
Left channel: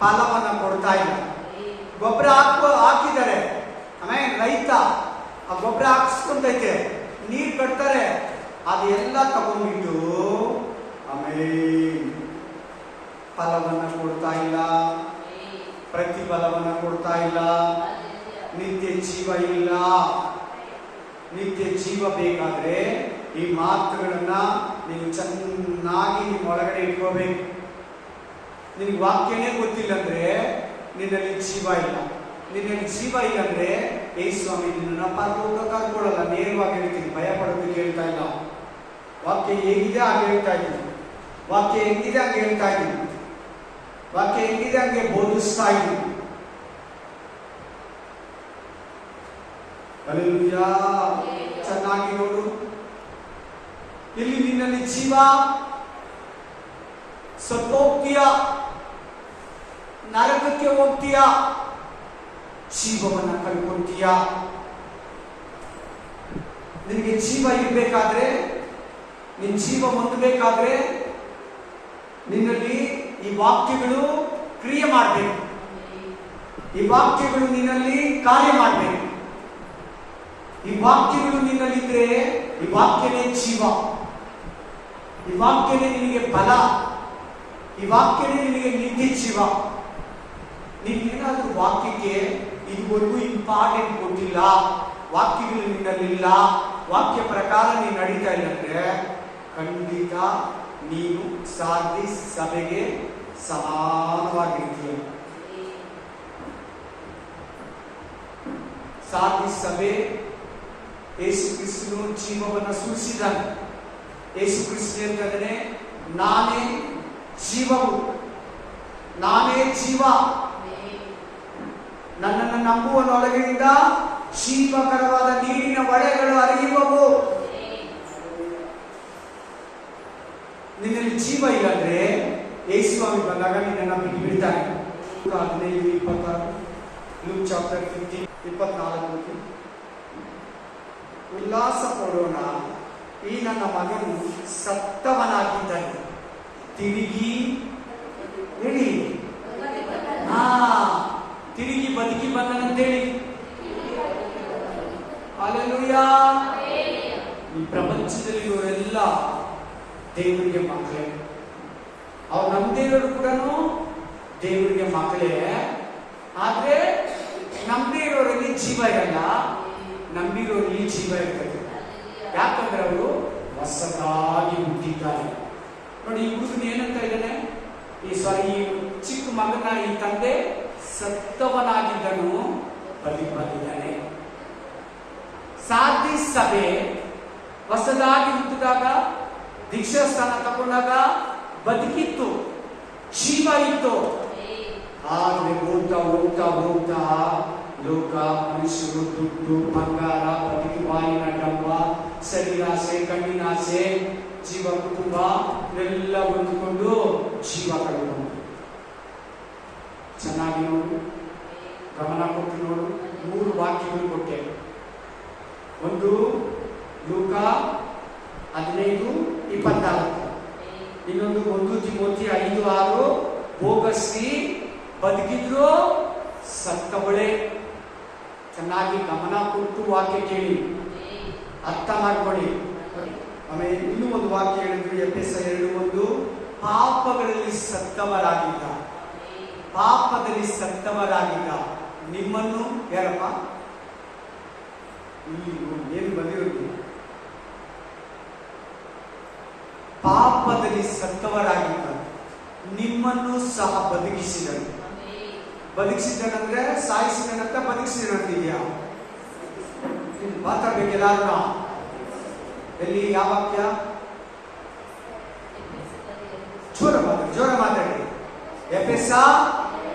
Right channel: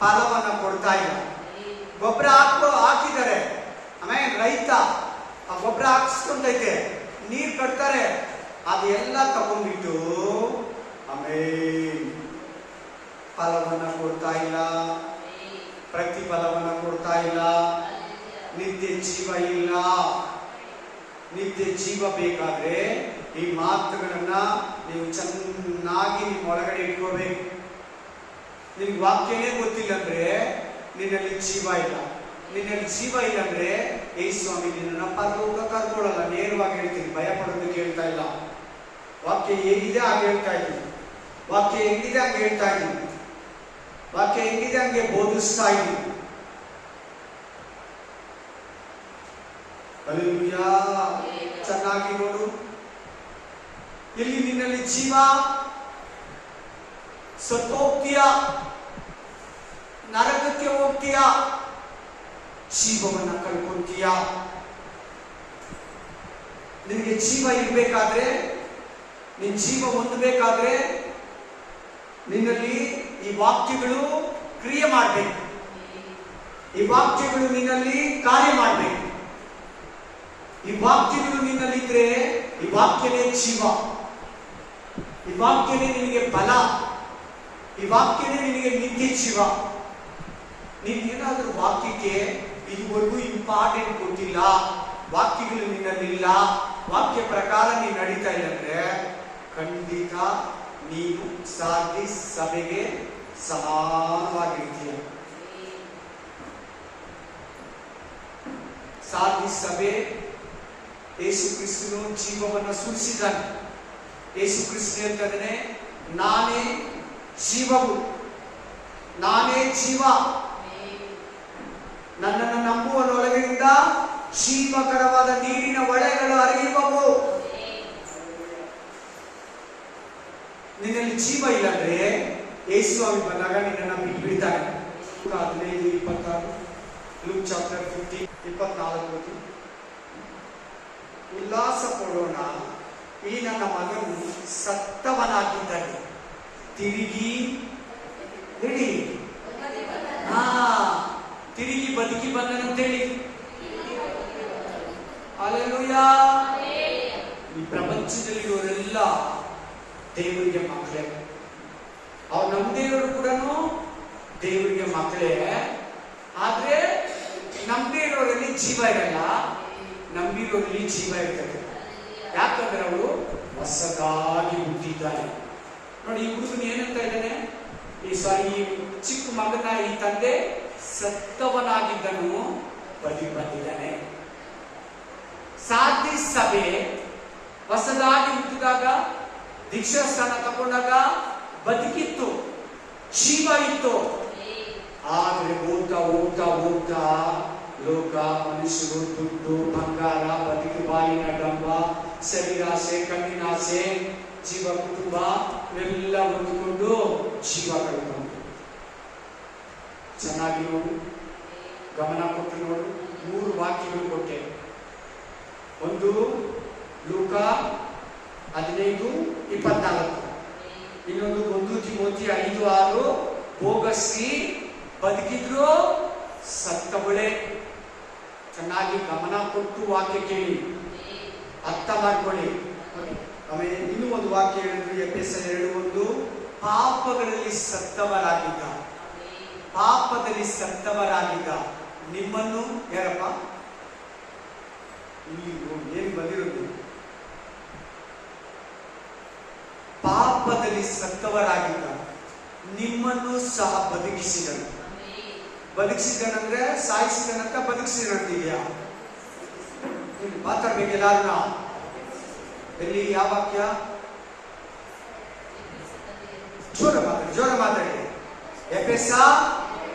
ಫಲವನ್ನ ಕೊಡ್ತಾ ಇಲ್ಲ. ಗೊಬ್ಬರ ಹಾಕಿದ್ದಾರೆ, ಆಮೇಲೆ ರೈತ ಆ ಗೊಬ್ಬರ ಹಾಕಿಸ್ಕೊಂತೈತೆ, ನೀರು ಕಟ್ತಾರೆ, ಅದೆಲ್ಲ ತಗೊಂಡ್ಬಿಟ್ಟು ಆಮೇಲೆ ಫಲವನ್ನ ಕೊಡ್ತಾ ಇಲ್ಲ, ಪ್ರತಿಫಲವನ್ನ ಕೊಡ್ತಾ ಇಲ್ಲ. ನಿತ್ಯ ಜೀವ ಇಲ್ಲ. ನಿತ್ಯ ಜೀವ ಬೇಕಾದ್ರೆ ಈ ಮಾತುಗಳನ್ನ ನೀವು ಚೆನ್ನಾಗಿ ನಿಮ್ಮ ಒಳಗಡೆ ಇಟ್ಕೋಬೇಕು. ನಿಮ್ಗೆ ವಾಕ್ಯನೇ ಗೊತ್ತಿಲ್ಲ ಅಂದ್ರೆ ನಿನ್ನಲ್ಲಿ ಜೀವ ಇಲ್ಲ. ನಿನ್ನಲ್ಲಿ ಜೀವ ಇಲ್ಲ ಅಂದ್ರೆ ಏ ಸ್ವಾಮಿ ನಿನ್ನ ಪರಲೋಕ ಕರ್ಕೊಳ್ಳಲ್ಲ. ನೇರವಾಗಿ ಹೇಳ್ತೀನಿ, ಭಯ ಪಡೋದಕ್ಕೆ ಹೇಳ್ತಾ ಇಲ್ಲ. ವಾಕ್ಯ ಹೇಗಿದೆ ಹಾಗೆ ಹೇಳ್ತಾ ಇದ್ದೀನಿ, ವಾಕ್ಯ ಹೆಂಗಿದೆ ಹಂಗೆ ಹೇಳ್ತಾ ಇದ್ದೀನಿ, ವಾಕ್ಯ ಹೆಂಗಿದೆ ಹಂಗೆ ಬೋಧಿಸ್ತಾ ಇದ್ದೀನಿ. ಹಲ್ಲೆಲೂಯಾ. ಚೆನ್ನಾಗಿ ನೋಡು, ಇಲ್ಲಿ ನಿನ್ನಲ್ಲಿ ಜೀವ, ಸತ್ತೋಗ್ತೀಯ, ನರಕಕ್ಕೆ ಹೋಗ್ತೀಯ, ಜೀವವನ್ನ ಕಳ್ಕೊಂತೀಯ. ನಿನಗೆ ಜೀವ ಇರಬೇಕಾದ್ರೆ, ನಿನ್ನ ಜೀವ ಹೊಂದಬೇಕಾದ್ರೆ ನಿನ್ನಲ್ಲಿ ಈ ವಾಕ್ಯಗಳು ಕ್ರಿಯೆ ಮಾಡಬೇಕು. ಈ ವಾಕ್ಯಗಳು ನಿನ್ನಲ್ಲಿ ಕಾರ್ಯ ಮಾಡಬೇಕು. ಈ ವಾಕ್ಯಗಳು ನಿನ್ನಲ್ಲಿದ್ರೆ ಈ ವಾಕ್ಯನೇ ಜೀವ, ಈ ವಾಕ್ಯನೇ ನಿನಗೆ ಬಲ, ಈ ವಾಕ್ಯನೇ ನಿನಗೆ ನಿತ್ಯ ಜೀವ. ನೀನೇನಾದ್ರೂ ವಾಕ್ಯಕ್ಕೆ ಇದುವರೆಗೂ ಇಂಪಾರ್ಟೆಂಟ್ ಕೊಟ್ಟಿಲ್ಲ, ವಾಕ್ಯಗಳು ನಿನ್ನಲ್ಲಿಲ್ಲ, ವಾಕ್ಯ ಪ್ರಕಾರ ನೀನು ನಡೀತಾ ಇಲ್ಲ ಅಂದ್ರೆ ಖಂಡಿತ ನೀನು ಸಾರ್ದಿಸ್ ಸಭೆಗೆ ಸಮಾನವಾಗಿರ್ತೀಯ. ಸಾರ್ದಿಸ್ ಸಭೆ ಯೇಸು ಕ್ರಿಸ್ತನು ಜೀವವನ್ನು ಸುರಿಸಿದ್ದಾನೆ. ಯೇಸು ಕ್ರಿಸ್ತನು ಅಂತಂದ್ರೆ ನಾನೇ ಜೀವವು, ನಾನೇ ಜೀವ. ನನ್ನನ್ನು ನಂಬುವನೊಳಗಿನಿಂದ ಜೀವಕರವಾದ ನೀರಿನ ಹೊಳೆಗಳು ಹರಿಯುವವು. ನಿನ್ನಲ್ಲಿ ಜೀವ ಇಲ್ಲಂದ್ರೆ ಯೇಸು ಸ್ವಾಮಿ ಬಂದಾಗ ನಿನ್ನನ್ನು ಬಿಟ್ಟು ಬಿಡ್ತಾನೆ. 15:26 ಲೂಕ್ ಚಾಪ್ಟರ್ 15:24. ಉಲ್ಲಾಸ ಪಡೋಣ, ಈ ನನ್ನ ಮಗನು ಸತ್ತವನಾಗಿದ್ದಾನೆ, ತಿರುಗಿ ಹೇಳಿ ತಿರುಗಿ ಬದುಕಿ ಬಂದನಂತೇಳಿ. ಹಲ್ಲೆಲೂಯಾ. ಈ ಪ್ರಪಂಚದಲ್ಲಿರೋರೆಲ್ಲ ದೇವರಿಗೆ ಮಕ್ಕಳೇ. ಅವ್ರು ನಮ್ಮದೇ ಇರೋರು ಕೂಡ ದೇವರಿಗೆ ಮಕ್ಕಳೇ. ಆದ್ರೆ ನಂಬಿ ಇರೋರಲ್ಲಿ ಜೀವ ಇರಲ್ಲ, ನಂಬಿರೋರಲ್ಲಿ ಜೀವ ಇರ್ತದೆ. ಯಾಕಂದ್ರೆ ಅವರು ಹೊಸದಾಗಿ ಹುಟ್ಟಿದ್ದಾರೆ. ನೋಡಿ, ಈ ಹುಡುಗನ ಏನಂತ ಇದ್ದಾನೆ, ಈ ಚಿಕ್ಕ ಮಗನ ಈ ತಂದೆ ಸತ್ತವನಾಗಿದ್ದನು ಬದುಕಿ ಬಂದಿದ್ದಾನೆ. ಸಾರ್ದಿಸ್ ಸಭೆ ಹೊಸದಾಗಿ ಹುಟ್ಟಿದಾಗ, ದೀಕ್ಷಾ ಸ್ಥಾನ ತಗೊಂಡಾಗ ಬದುಕಿತ್ತು, ಜೀವ ಇತ್ತು. ಆದ್ರೆ ಹೋಗ್ತಾ ಹೋಗ್ತಾ ಹೋಗ್ತಾ ಲೋಕ, ಮನುಷ್ಯರು, ದುಡ್ಡು, ಬಂಗಾರ, ಬದುಕಿ ಬಾಲಿನ ಡಂಬ, ಶರೀರಾಸೆ, ಕಣ್ಣಿನಾಸೆ, ಜೀವ, ಕುಟುಂಬ ಎಲ್ಲ ಹೊಂದಿಕೊಂಡು ಜೀವ ಕಳೆದುಕೊಂಡು. ಚೆನ್ನಾಗಿ ನೋಡು, ಗಮನ ಕೊಟ್ಟು ನೋಡು. 3 ವಾಕ್ಯಗಳು ಕೊಟ್ಟೆ. ಒಂದು ಲೂಕ 15:24, ಇನ್ನೊಂದು 1 ತಿಮೋಥಿ 5:6. ಭೋಗಶ್ರೀ ಬದುಕಿದ್ರು ಸತ್ತವಳೆ. ಚೆನ್ನಾಗಿ ಗಮನ ಕೊಟ್ಟು ವಾಕ್ಯ ಕೇಳಿ, ಅರ್ಥ ಮಾಡ್ಕೊಳ್ಳಿ. ಆಮೇಲೆ ಇನ್ನೂ ಒಂದು ವಾಕ್ಯ ಹೇಳಿದ್ರು, ಎಫೆಸ 2:1. ಪಾಪಗಳಲ್ಲಿ ಸತ್ತವರಾಗಿದ್ದ, ಪಾಪದಲ್ಲಿ ಸತ್ತವರಾಗಿದ್ದ ನಿಮ್ಮನ್ನು, ಯಾರಪ್ಪ ಇಲ್ಲಿ ಏನು ಬಂದಿರೋದು, ಪಾಪದಲ್ಲಿ ಸತ್ತವರಾಗಿದ್ದ ನಿಮ್ಮನ್ನು ಸಹ ಬದುಕಿಸಿದನು. ಬದುಕಿಸಿದನಂದ್ರೆ ಸಾಯಿಸಿದನಂತ ಬದುಕಿಸಿದನಂತಿದ್ಯಾ? ಮಾತಾಡ್ಬೇಕು ಎಲ್ಲಾರು. ಎಲ್ಲಿ, ಯಾವ ವಾಕ್ಯ? ಜೋರ ಮಾತಾಡಿ. ಎಫೆಸ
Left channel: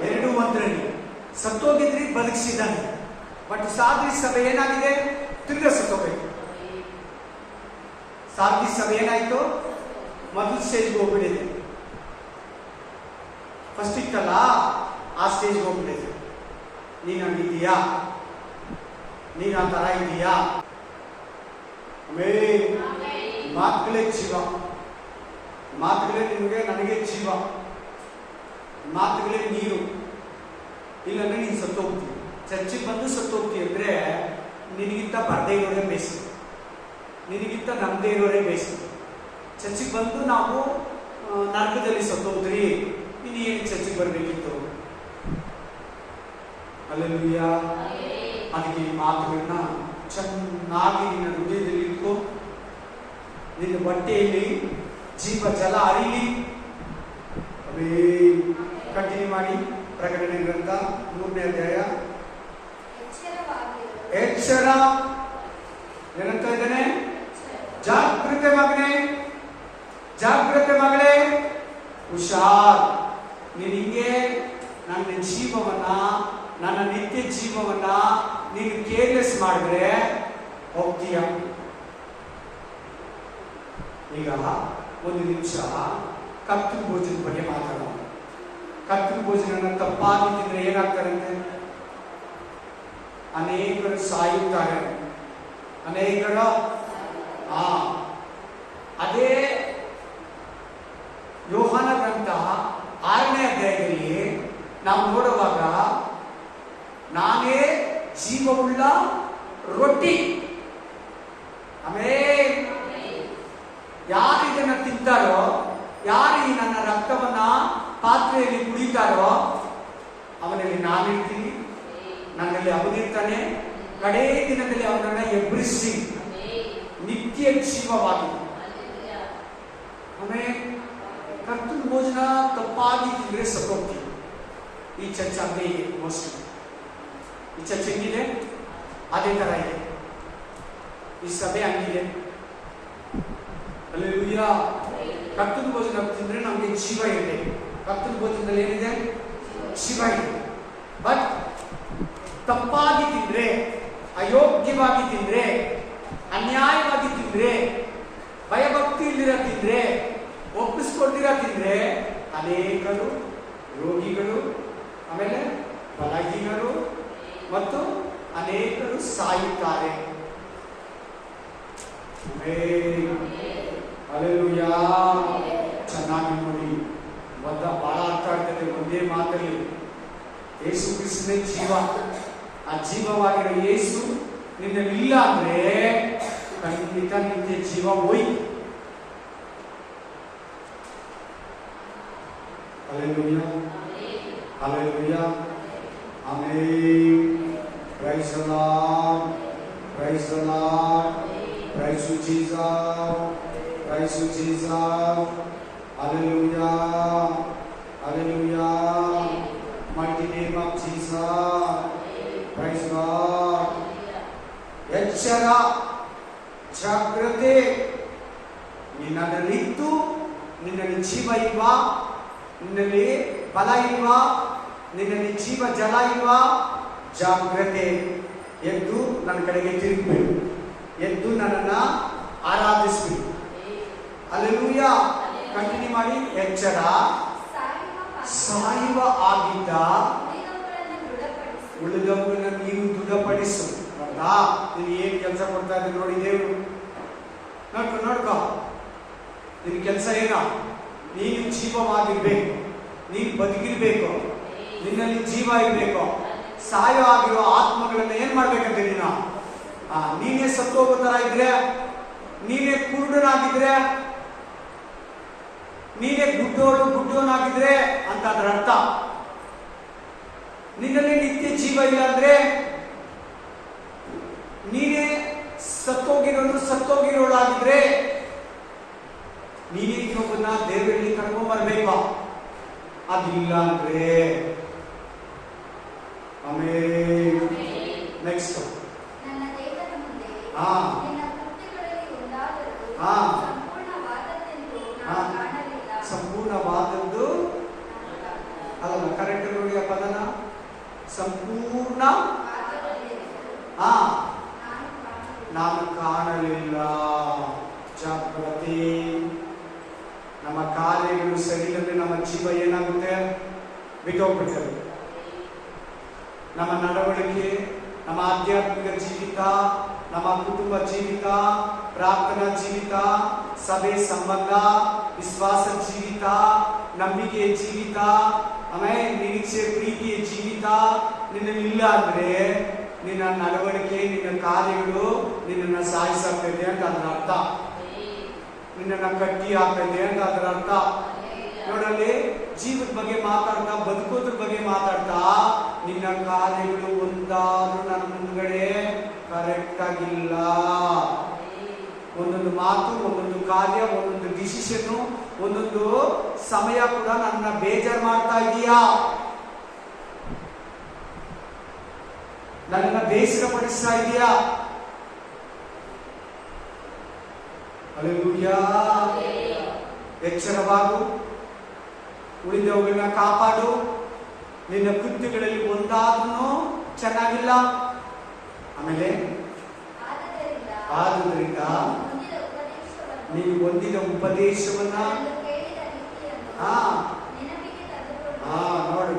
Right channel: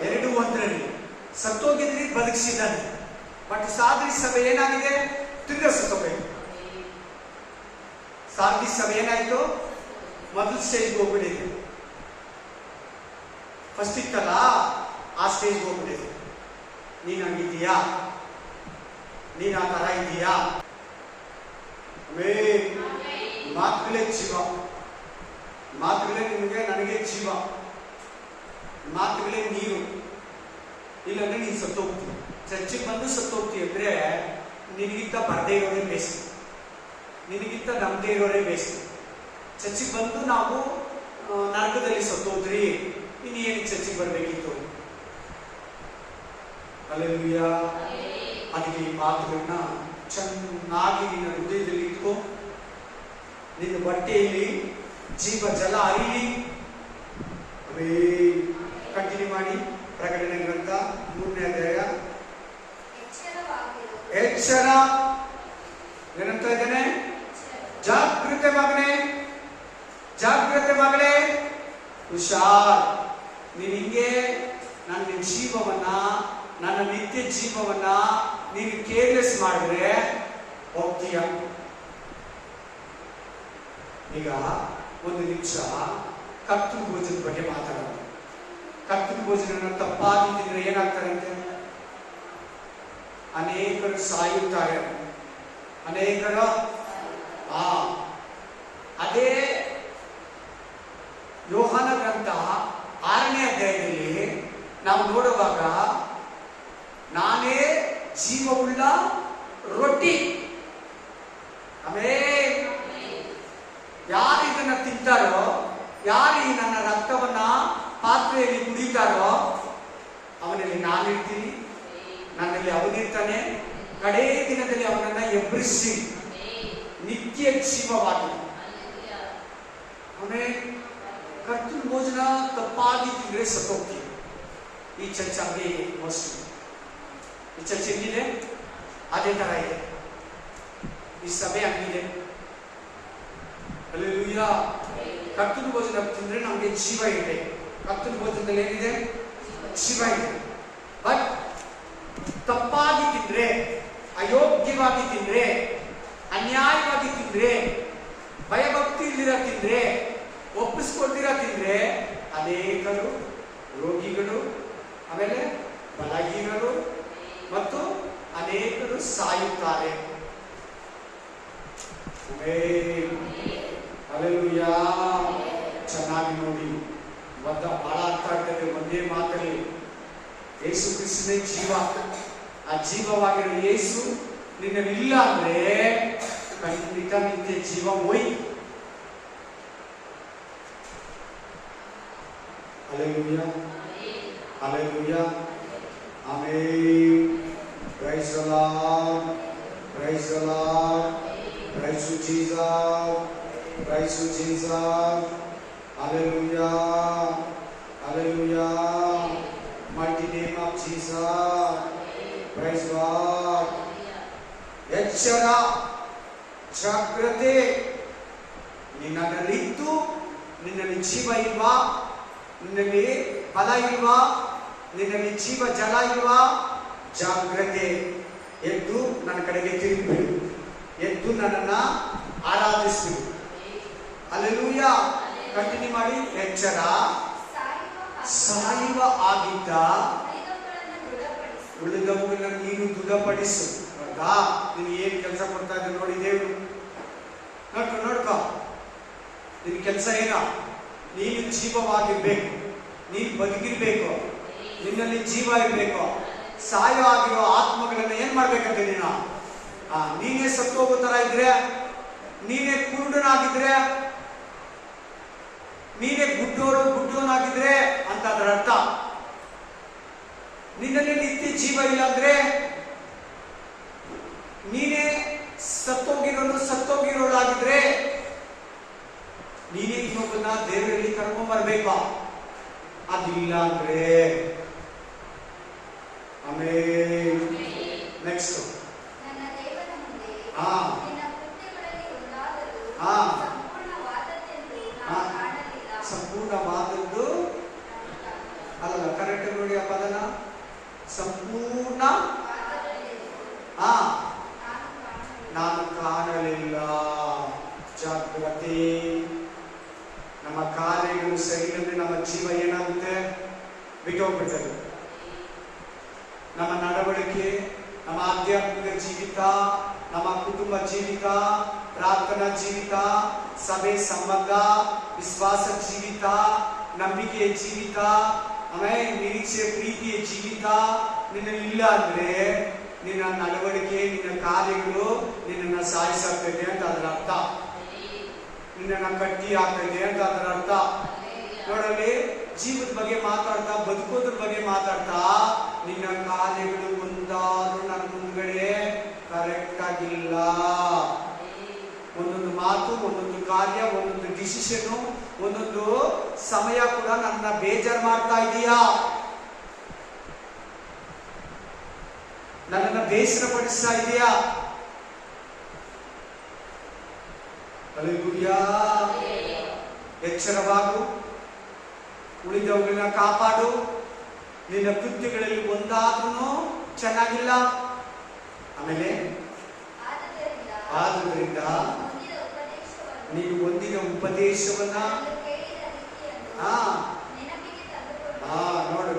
2:1. ಸತ್ತೋಗಿದ್ರಿ, ಬದುಕಿಸಿದ್ದಾನೆ. ಬಟ್ ಸಾರ್ದಿಸ್ ಸಭೆ ಏನಾಗಿದೆ? ತಿರ್ಗ ಸತ್ತೋಗಾಯ್ತು. ಸಾರ್ದಿಸ್ ಸಭೆ ಏನಾಯ್ತು? ಮೊದಲು ಸ್ಟೇಜ್ಗೆ ಹೋಗ್ಬಿಟ್ಟಿದೆ. ಫಸ್ಟ್ ಇತ್ತಲ್ಲ, ಆ ಸ್ಟೇಜ್ಗೆ ಹೋಗ್ಬಿಟ್ಟಿದೆ. ನೀನ್ ಹಂಗಿದ್ದೀಯಾ? ನೀನ್ ಆ ತರ ಇದೀಯಾ? ಮಾತುಗಳೇ ಜೀವ, ಮಾತುಗಳೇ ನಿಮಗೆ, ನನಗೆ ಜೀವ. ಮಾತುಗಳೇ ನೀರು. ಇಲ್ಲಾಂದ್ರೆ ನೀನು ಸತ್ತೋಗ್ತೀಯ. ಚರ್ಚಿಗೆ ಬಂದು ಸತ್ತೋಗ್ತೀಯ ಅಂದ್ರೆ ನಿನಗಿಂತ ಬರದೇ ಇರೋರೇ ಬೇಸ್ಟ್, ನಿನಗಿಂತ ನಮ್ಮದೇ ಇರೋರೇ ಬೇಸ್ಟ್. ಚರ್ಚಿಗೆ ಬಂದು ನಾವು ನರಕದಲ್ಲಿ ಸತ್ತೋದ್ರಿ, ಇನ್ನು ಏನಕ್ಕೆ ಚರ್ಚಿಗೆ ಬರಬೇಕಿತ್ತು? ಹಲ್ಲೆಲೂಯಾ. ಅದಕ್ಕೆ ಈ ಮಾತುಗಳನ್ನ ಚೆನ್ನಾಗಿ ನಿನ್ನ ಹೃದಯದಲ್ಲಿ ಇಟ್ಕೋ. ನಿನ್ನ ಬಟ್ಟೆಯಲ್ಲಿ ಜೀವ ಜಲ ಹರಿಲಿ. ಕಂಟಿನ್ಯೂ ಮಾಡಿ. ಪ್ರಕಟಣೆ ಗ್ರಂಥ 3ನೇ ಅಧ್ಯಾಯ. ಎಚ್ಚರ ಏನಂತ ಇದ್ದಾನೆ? ಜಾಗೃತೆ ಮಗನೇ, ಜಾಗೃತೆ ಮಗಳೇ, ಹುಷಾರ್. ನೀನು ಹಿಂಗೆ ನನ್ನ ಜೀವವನ್ನ, ನನ್ನ ನಿತ್ಯ ಜೀವವನ್ನ ನೀನು ಕೇರ್ಲೆಸ್ ಮಾಡಿದ್ರೆ ಹೋಗ್ತೀಯ. ಈಗ 1 ನಿಮಿಷ ಕರ್ತನ ಭೋಜನದ ಬಗ್ಗೆ ಮಾತಾಡೋಣ. ಕರ್ತನ ಭೋಜನ ತಪ್ಪಾಗಿ ತಿಂದ್ರೆ ಏನಾಗ್ತಾರಂತೆ? ಅನೇಕರು ಸಾಯುತ್ತಾರೆ, ಅನೇಕರ ಅದೇ ಯೋಹಾನ ಗ್ರಂಥ 6ನೇ ಅಧ್ಯಾಯದಲ್ಲಿ ನಾವು ನೋಡುವಾಗ, ನಾನೇ ಜೀವವುಳ್ಳ ರೊಟ್ಟಿ. ಆಮೇಲೆ ಯಾರು ಇದನ್ನ ತಿಂತಾರೋ ಯಾರು ಈ ನನ್ನ ರಕ್ತವನ್ನ ಪಾತ್ರೆಯಲ್ಲಿ ಕುಡಿತಾರೋ ಅವನಲ್ಲಿ ನಾನಿರ್ತೀನಿ, ನನ್ನಲ್ಲಿ ಅವನಿರ್ತಾನೆ. ಕಡೇ ದಿನದಲ್ಲಿ ಅವನನ್ನ ಎಬ್ಬರಿಸಿ ನಿತ್ಯ ಜೀವವಾಗಿ. ಆಮೇಲೆ ಕರ್ತನ ಭೋಜನ ತಪ್ಪಾಗಿ ತಿಂದ್ರೆ ಸತ್ತೋಗ್ತೀವಿ. ಈ ಚರ್ಚ್ ಹಂಗೆ ಇದೆ ಮೋಸ್ಟ್ಲಿ. ಈ ಚರ್ಚ್ ಹೆಂಗಿದೆ ಅದೇ ತರ ಇದೆ. ಈ ಸಭೆ ಹಂಗಿದೆ. ಹಲ್ಲೆಲೂಯಾ. ಕರ್ತನ ಭೋಜನ ತಿಂದ್ರೆ ನಮ್ಗೆ ಜೀವ ಇದೆ. ಕರ್ತನ ಭೋಜನದಲ್ಲಿ ಏನಿದೆ? ಜೀವ ಇದೆ. ಬಟ್ ತಪ್ಪಾಗಿ ತಿಂದ್ರೆ, ಅಯೋಗ್ಯವಾಗಿ ತಿಂದ್ರೆ, ಅನ್ಯಾಯವಾಗಿ ತಿಂದ್ರೆ, ಭಯಭಕ್ತಿ ಇಲ್ದಿರ ತಿಂದ್ರೆ, ಒಪ್ಪಿಸ್ಕೊಳ್ದಿರ ತಿಂದ್ರೆ ಅನೇಕರು ರೋಗಿಗಳು, ಆಮೇಲೆ ಬಲಹೀನರು ಮತ್ತು ಅನೇಕರು ಸಾಯುತ್ತಾರೆ. ಹಲ್ಲೆಲೂಯಾ. ಚೆನ್ನಾಗಿ ನೋಡಿ, ಬಹಳ ಅರ್ಥ ಆಗ್ತದೆ ಒಂದೇ ಮಾತಲ್ಲಿ. ಯೇಸು ಕ್ರಿಸ್ತನೇ ಜೀವ. ಆ ಜೀವವಾಗಿರೋ ಯೇಸು ನಿನ್ನಲ್ಲಿ ಅಂದ್ರೆ ಖಂಡಿತ ನಿಂದೆ ಜೀವ ಹೋಯ್ತು. Hallelujah, hallelujah, amen. Praise the Lord, praise the Lord, praise you Jesus, praise you Jesus. Hallelujah, hallelujah, mighty name of Jesus. Praise God. ಎಚ್ಚರ, ಜಾಗ್ರತೆ. ನಿನ್ನಲ್ಲಿದ್ದು ನಿನ್ನಲ್ಲಿ ಜೀವ ಇಲ್ವಾ? ನಿನ್ನಲ್ಲಿ ಬಲ ಇಲ್ವಾ? ನಿನ್ನಲ್ಲಿ ಜೀವ ಜಲ ಇಲ್ವಾ? ಜಾಗ್ರತೆ. ಎದ್ದು ನನ್ನ ಕಡೆಗೆ ತಿರುಗಬೇಕು. ಎದ್ದು ನನ್ನನ್ನ ಆರಾಧಿಸಬೇಕು. ಹಲ್ಲೆಲೂಯಾ. ಕಂಟಿನ್ಯೂ ಮಾಡಿ. ಎಚ್ಚರ, ಸಾಯುವ ಆಗಿದ್ದ ಉಳಿದವುಗಳನ್ನ ನೀನು ದೃಢಪಡಿಸು. ಹೌದಾ? ನೀನು ಏನ್ ಕೆಲಸ ಕೊಡ್ತಾ ಇದ್ದ ನೋಡಿ ದೇವರು. ನೋಡ್ಕೊ ನಿನ್ ಕೆಲಸ ಏನೋ? ನೀನು ಜೀವವಾಗಿರ್ಬೇಕು, ನೀನು ಬದುಕಿರ್ಬೇಕು, ನಿನ್ನಲ್ಲಿ ಜೀವ ಇರ್ಬೇಕು. ಸಾಯೋ ಆಗಿರುವ ಆತ್ಮಗಳನ್ನ ಏನ್ ಮಾಡ್ಬೇಕಂತ ನೀನು? ನೀನೇ ಸತ್ತು ಹೋಗೋ ತರ ಇದ್ರೆ, ನೀನೇ ಕುರುಡನಾಗಿದ್ರೆ, ನೀನೇ ಗುಡ್ಡೋನಾಗಿದ್ರೆ ಅಂತ ಅದರ ಅರ್ಥ. ನಿನ್ನಲ್ಲಿ ನಿತ್ಯ ಜೀವ ಇಲ್ಲ ಅಂದ್ರೆ ನೀನೇ ಸತ್ತೋಗಿರೋಳಾಗಿದ್ರೆ ನೀನೇ ಇನ್ನೊಬ್ಬನ್ನ ದೇವರಲ್ಲಿ ಕರ್ಕೊಂಡ್ ಬರ್ಬೇಕು. ಅದಿಲ್ಲ ಅಂದ್ರೆ ಆಮೇಲೆ ನೆಕ್ಸ್ಟ್ ಸಂಪೂರ್ಣವಾದದ್ದು ಅಲ್ಲ. ಕರೆಕ್ಟ್ ನೋಡಿ ಆ ಪದನ. ಸಂಪೂರ್ಣ ನಾನು ಕಾಣಲಿಲ್ಲ. ಜಾಗೃತಿ. ನಮ್ಮ ಕಾರ್ಯಗಳು ಸರಿ ಅಂದ್ರೆ ನಮ್ಮ ಜೀವ ಏನಾಗುತ್ತೆ? ಬಿಟ್ಟೋಗ್ಬಿಡ್ತದೆ. ನಮ್ಮ ನಡವಳಿಕೆ, ನಮ್ಮ ಆಧ್ಯಾತ್ಮಿಕ ಜೀವಿತ, ನಮ್ಮ ಕುಟುಂಬ ಜೀವಿತ, ಪ್ರಾರ್ಥನಾ ಜೀವಿತ, ಸಭೆ ಸಂಬಂಧ, ವಿಶ್ವಾಸ ಜೀವಿತ, ನಂಬಿಕೆಯ ಜೀವಿತ, ಆಮೇಲೆ ನಿರೀಕ್ಷೆ ಪ್ರೀತಿಯ ಜೀವಿತ ನಿನ್ನಲ್ಲಿ ಇಲ್ಲ ಅಂದ್ರೆ ನಿನ್ನ ನಡವಳಿಕೆ, ನಿನ್ನ ಕಾರ್ಯಗಳು ನಿನ್ನನ್ನು ಸಾಯಿಸಾಗ್ತದೆ ಅಂತ ಅದರ ಅರ್ಥ. ನಿನ್ನನ್ನು ಕಟ್ಟಿ ಆಗ್ತದೆ ಅಂತ ಅದರ ಅರ್ಥ. ನೋಡಲ್ಲಿ ಜೀವದ ಬಗ್ಗೆ ಮಾತಾಡ್ತಾ, ಬದುಕೋದ್ರ ಬಗ್ಗೆ ಮಾತಾಡ್ತಾ, ನಿನ್ನ ಕಾರ್ಯಗಳು ಒಂದಾದ್ರೂ ನನ್ನ ಮುಂದ್ಗಡೆ ಕರೆಕ್ಟ್ ಆಗಿಲ್ಲ. ಒಂದೊಂದು ಮಾತು, ಒಂದೊಂದು ಕಾರ್ಯ, ಒಂದೊಂದು ಡಿಸಿಷನ್, ಒಂದೊಂದು ಸಮಯ ಕೂಡ ನನ್ನ ಬೇಜಾರು ಮಾಡ್ತಾ ಇದೀಯಾ? ನನ್ನನ್ನ ಬೇಸರ ಪಡಿಸ್ತಾ ಇದೀಯಾ? ಹಲ್ಲೆಲೂಯಾ. ಎಚ್ಚರವಾಗು, ಉಳಿದವುಗಳನ್ನ ಕಾಪಾಡು. ನಿನ್ನ ಕೃತ್ಯಗಳಲ್ಲಿ ಒಂದಾದ್ರೂ ಚೆನ್ನಾಗಿಲ್ಲ. ಆಮೇಲೆ ಆದುದರಿಂದ ನೀನು ಹೊಂದಿದ ಉಪದೇಶವನ್ನ